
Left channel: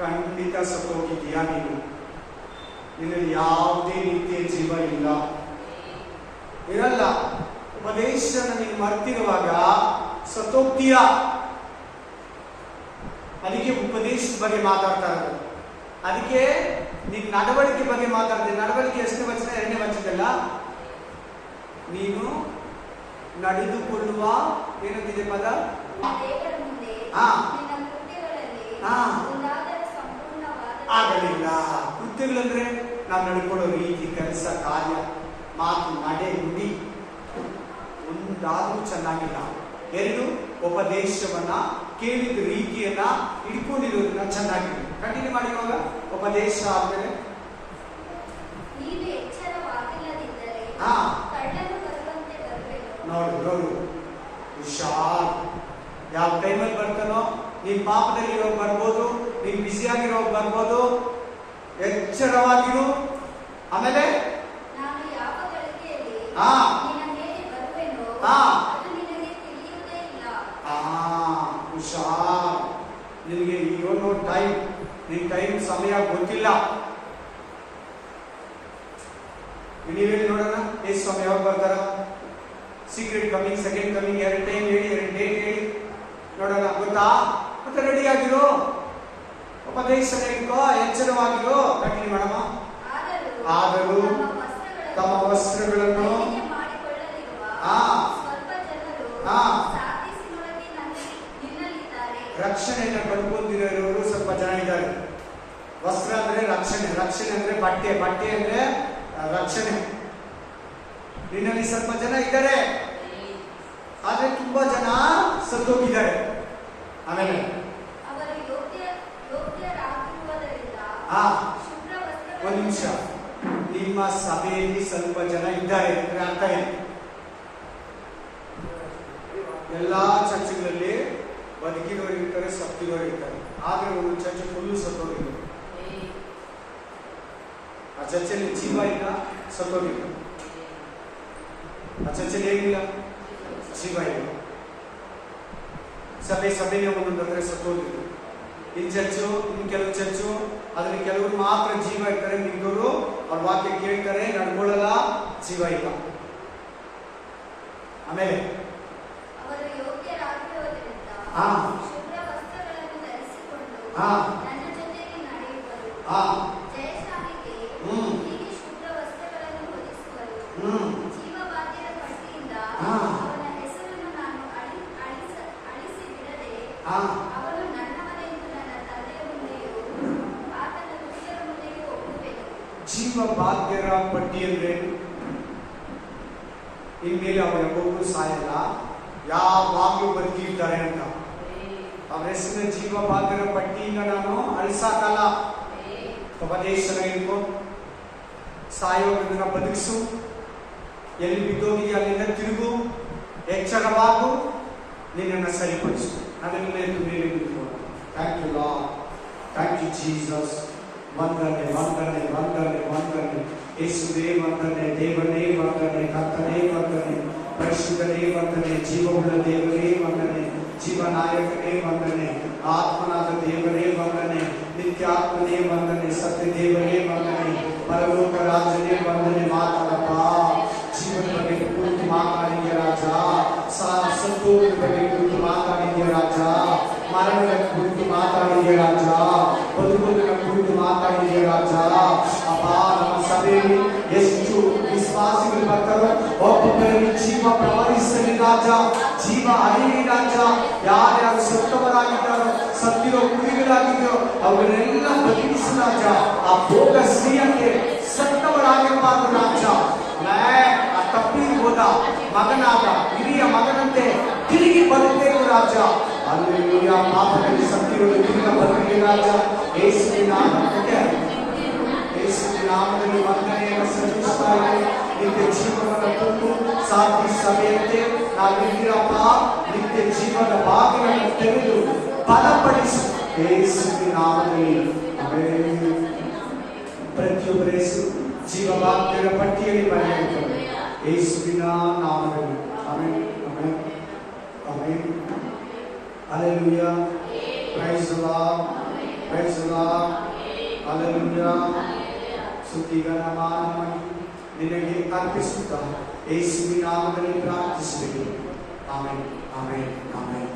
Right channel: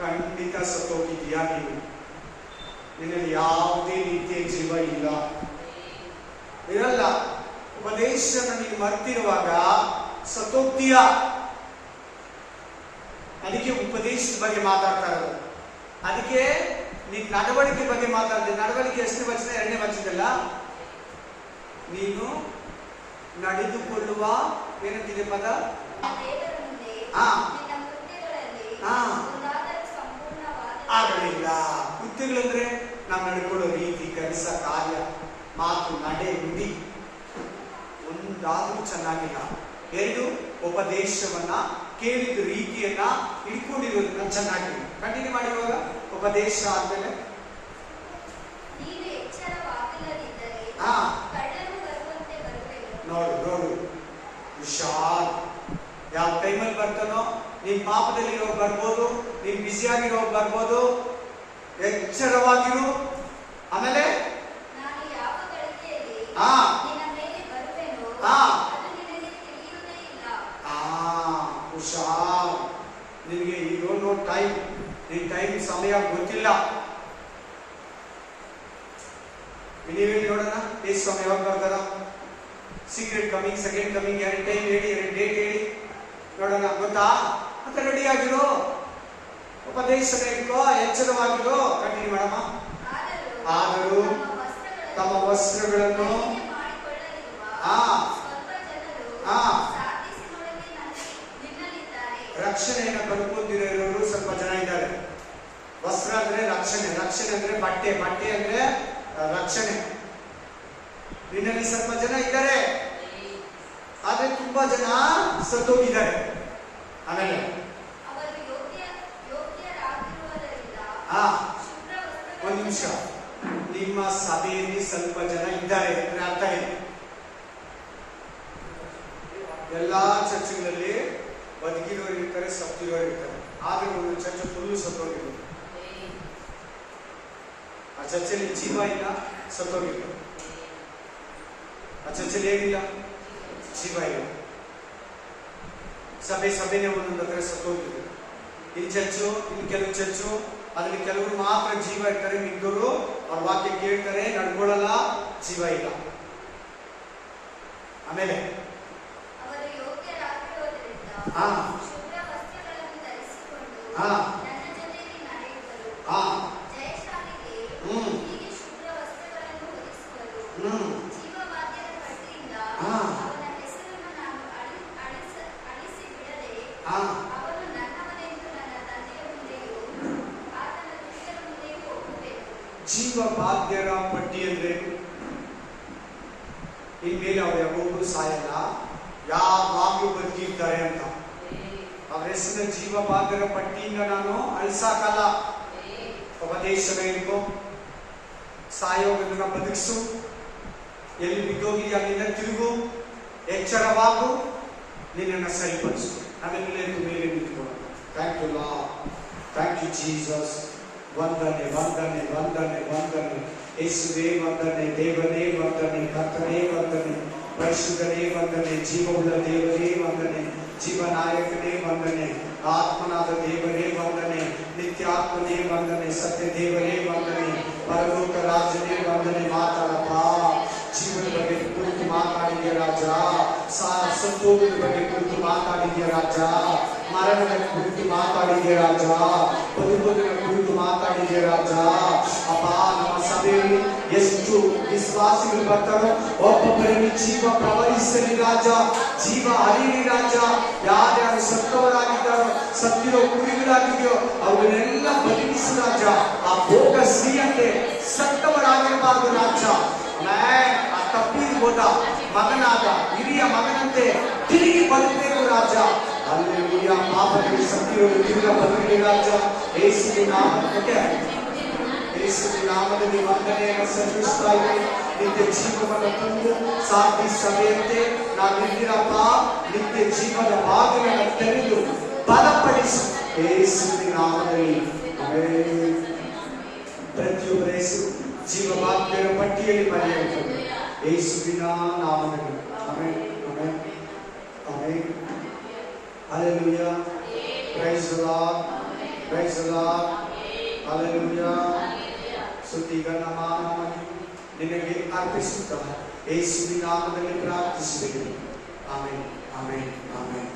ಖಂಡಿತ ಸತ್ತೋಗಿದ್ದೀಯಾ. ನೀನು ನಿನ್ನಲ್ಲಿ ಯಾವುದೇ ನಿತ್ಯ ಜೀವ ಇಲ್ಲ, ಇರಲ್ಲ. ಉಪದೇಶನ ನೀನು ಮರ್ತಿರುವಾಗ ಸತ್ತೋಗ್ತೀಯ. ಅದಕ್ಕೆ ಉಪದೇಶದ ಬಗ್ಗೆ ಮಾತಾಡ್ತಾ ಇರೋದು. ಅದಕ್ಕೆ ಅದಕ್ಕೆ ನಿನ್ ನಡವಳಿಕೆ ಬಗ್ಗೆ ಮಾತಾಡಿದೆ. ನಡವಳಿಕೆ ಎಷ್ಟನೇ ವಚನ? 2ನೇ ವಚನದಲ್ಲ. ನೀನು ನಡೆದುಕೊಳ್ಳುವ ಏನಂತಿದೆ ಪದ? ಆಗಲಿಲ್ಲ. ಕೃತ್ಯಗಳಂದ್ರೆ ನಾವು ನಡ್ಕೊಳ್ಳೋ ರೀತಿ, ಕೆಲಸ, ಕಾರ್ಯ, ಮಾತು, ನಡೆ, ನುಡಿ ಒಂದಾದ್ರೂ ಚೆನ್ನಾಗಿಲ್ಲ. 2 ಉಪದೇಶವನ್ನ ಕೇಳಿದ ರೀತಿಯನ್ನ ಇಟ್ಕೊಂಡಿರೋದನ್ನ ಚೆನ್ನಾಗಿದೆ. ಕಂಟಿನ್ಯೂ ಮಾಡಿ. ಇವಾಗ ಉಪದೇಶ ಆದ್ಮೇಲೆ ನೋಡು ಹುಷಾರ್. ಯಾವ ಟೈಮಲ್ಲಿ ಬರ್ತಾನೋ, ನೀನ್ ಪಾಪದಲ್ಲಿ ಇರೋರು ಬರ್ಬೋದು, ನೀನ್ ಬ್ಯುಸಿ ಆಗಿರೋರು ಬರ್ಬೋದು. ಎಚ್ಚರವಾಗಿರು. ಆಮೇಲೆ ಹುಷಾರ್. ನಿನಗೆ ಏನೋ ಟೈಮ್, ನಿನ್ ಟೈಮ್ ಸಮಯ ಗೊತ್ತಿಲ್ಲ. ನೀವ್ ಹೇಳಿ ನೋಡೋಣ, ಎಷ್ಟು ಸಮಯ ಯಾವಾಗ ಬರ್ತಾರ? Secret coming, second coming, 2 time ಹೇಳಿ, 2 ಡೇಟ್ ಹೇಳಿ ನೋಡೋಣ. ಗೊತ್ತಾ? ಮತ್ತೆ ರೆಡಿ ಆಗಿರೋ, ಉಪದೇಶ ಇಟ್ಕೋ, ಎಚ್ಚರವಾಗಿರೋ. ಕಂಟಿನ್ಯೂ ಮಾಡಮ್ಮ. ಆದರೂ ತಮ್ಮ ವಸ್ತ್ರಗಳನ್ನು ರಕ್ಷಣೆಯನ್ನು ಕಳ್ಕೊಂಡಿರೋರು ಸ್ವಲ್ಪ ಜನ ಇದ್ದಾರೆ. ವಸ್ತ್ರ ಅಂದ್ರೆ ರಕ್ಷಣೆ, ರಕ್ಷಣೆ ಅಂದ್ರೆ ಬಟ್ಟೆ, ಬಟ್ಟೆ ಅಂದ್ರೆ ರಕ್ಷಣೆ. ನಿನ್ನಲ್ಲಿ ಸ್ವಲ್ಪ ಜನ ಇದ್ದಾರೆ, ಆದ್ರೆ ತುಂಬಾ ಜನ ಸತ್ತೋಗಿದ್ದಾರೆ. ಆಮೇಲೆ ಒಂದು ನಿಮಿಷ, ನಿಮ್ಮ ಸಭೆಯಲ್ಲಿ ಸ್ವಲ್ಪ ಜನ ಇದ್ದಾರೆ ಅಂದ್ರೆ ಅರ್ಥ ಏನು? ಎಲ್ಲಾ ಚರ್ಚ್ಗಳಲ್ಲಿ ಬದುಕಿರೋರು ಇರ್ತಾರೆ, ಸತ್ತಿರೋರು ಇರ್ತಾರೆ. ಆದ್ರೆ ಒಂದು ಚರ್ಚ್ ಫುಲ್ಲು ಸತ್ತೋಗಿರ್ತಾರೆ. ಆ ಚರ್ಚಲ್ಲಿ ಜೀವ ಇಲ್ಲ, ಸತ್ತೋಗಿರ್ತಾರೆ. ಆ ಚರ್ಚಲ್ಲಿ ಏನಿಲ್ಲ, ಜೀವ ಇಲ್ಲ. ಸಭೆನೇ ಒಂದೊಂದಂದ್ರೆ ಸತ್ತೋಗಿದ್ರು. ಇನ್ ಚರ್ಚು, ಇನ್ ಕೆಲವು ಚರ್ಚು, ಅದ್ರಲ್ಲಿ ಕೆಲವರು ಮಾತ್ರ ಜೀವ ಇರ್ತಾರೆ, ಮಿಕ್ಕವರು ಅವ್ರ ವಾಕ್ಯ ಕೇಳ್ತಾರೆ, ನಡ್ಕೊಳ್ಳಲ್ಲ, ಜೀವ ಇಲ್ಲ. ಆಮೇಲೆ ಜೀವ ಬಾಧ್ಯರ ಪಟ್ಟಿ ಅಂದ್ರೆ ಇನ್ಮೇಲೆ ಅವ್ರು ಯಾವಾಗೂ ಸಾಯಲ್ಲ, ಯಾವಾಗ್ಲೂ ಬದುಕಿರ್ತಾರೆ ಅಂತ. ಅವ್ರ ಹೆಸರಿನ ಜೀವ ಬಾಧ್ಯರ ಪಟ್ಟಿಯಿಂದ ನಾನು ಅಳಿಸಾಕಲ್ಲ. ಉಪದೇಶನ ಇರ್ಕೋ, ಸಾಯೋಗದನ್ನ ಬದುಕಿಸು, ಎಲ್ಲಿ ಬಿದ್ದೋಗಿದೆಯಾ ಅಲ್ಲಿಂದ ತಿರುಗು, ಎಚ್ಚರವಾಗು, ನಿನ್ನನ್ನು ಸರಿಪಡಿಸು. ನಾವೆಲ್ಲ ಮೇಲೆ ನಿಂತ್ಕೊಳ್ಳೋಣ. Thank you Lord, thank you Jesus. ವಂದನೆ ವಂದನೆ ವಂದನೆ ವಂದನೆ ಯೇಸುವೇ ವಂದನೆ, ದೇವನೇ ವಂದನೆ, ಕರ್ತನೇ ವಂದನೆ, ಪರಿಶುದ್ಧನೇ ವಂದನೆ, ಜೀವವುಳ್ಳ ದೇವರೇ ವಂದನೆ, ಜೀವನಾಯಕನೇ ವಂದನೆ, ಆತ್ಮನಾದ ದೇವರೇ ವಂದನೆ, ನಿತ್ಯಾತ್ಮನೇ ವಂದನೆ, ಸತ್ಯ ದೇವರೇ ವಂದನೆ, ಪರಲೋಕ ರಾಜನೇ ವಂದನೆ. ಮಾತಾಡಪ್ಪ, ಜೀವನ ಬಗ್ಗೆ ಕುರಿತು ಮಾತಾಡಿದ್ಯ ರಾಜ, ಸಂತೋಷದ ಬಗ್ಗೆ ಕುರಿತು ಮಾತಾಡಿದ್ಯ ರಾಜ, ಮರಣದ ಕುರಿತು ಮಾತಾಡಿದ್ಯ ರಾಜ, ಬದುಕೋದನ್ನ ಕುರಿತು ಮಾತಾಡಿದ್ಯ ರಾಜ. ಅಪ್ಪ, ನಮ್ಮ ಸಭೆಯಲ್ಲಿ ಎಷ್ಟು ವಿಶ್ವಾಸಿಗಳು ಬರ್ತಾರೋ ಒಬ್ಬೊಬ್ಬರಲ್ಲಿ ಜೀವ ಪ್ರವಹಿಸಲಿ ರಾಜ, ಜೀವ ಹರಿಯಲಿ ರಾಜ. ಯಾರ್ಯಾರು ಸತ್ತವರಾಗಿದ್ದಾರೋ, ಸತ್ತಿರೋ ಕುರಿಗಳಾಗಿದೆಯೋ ಅವರನ್ನೆಲ್ಲ ಬದುಕಿಸು ರಾಜ. ಆ ಭೋಗ ಶ್ರೀಯಂತೆ ಸತ್ತವರಾಗಿರಬಾರದು ರಾಜ. ಆ ತಪ್ಪಿರ್ಬೋದ ಮಗನಾದ ಹಿರಿಯ ಮಗನಂತೆ ತಿರುಗಿ ಬದುಕಬೇಕು ರಾಜ. ಅಲ್ಲೆಲ್ಲೂಯ. ಪಾಪದಲ್ಲಿ ಸತ್ತಿರೋದು ತಿರುಗ ಬದುಕಲಿ ರಾಜ. ಯೇಸುವಿನ ನಾಮದಲ್ಲಿ ವಂದನೆಯನ್ನು ಸಲ್ಲಿಸ್ತಾ ಇದ್ದೇವೆ. ನಿತ್ಯ ಜೀವವನ್ನು ತುಂಬು, ಸಾಧಿ ಸಭೆಯಂತೆ ನಾವಿದ್ದೀರಪ್ಪ. ನಿತ್ಯ ಜೀವನ ಬಾಗಿಲನ್ನು ತೆರೆದು ಬಲಪಡಿಸಿ ಯೇಸುವಿನ ನಾಮದಲ್ಲಿ. ಆಮೆನ್. ಪ್ರತಿಯೊಬ್ಬರ ಜೀವವಾಗ್ಯರ ಪಟ್ಟಿಯಲ್ಲಿ ಬರೆಯಲ್ಪಟ್ಟಿದೆ ಯೇಸುವಿನ ನಾಮದಲ್ಲಿ. Amen, amen, amen. Hallelujah. Praise the Lord, praise the Lord. Hallelujah. ಸ್ತುತಿಗಣ ಮಾನ ಮಹಿಮೆ ನಿನಗೆ ಅರ್ಪಿಸುತ್ತಾ ಯೇಸುವಿನ ನಾಮದಲ್ಲಿ ಪ್ರಾರ್ಥಿಸಿದೆ. Amen, amen, amen.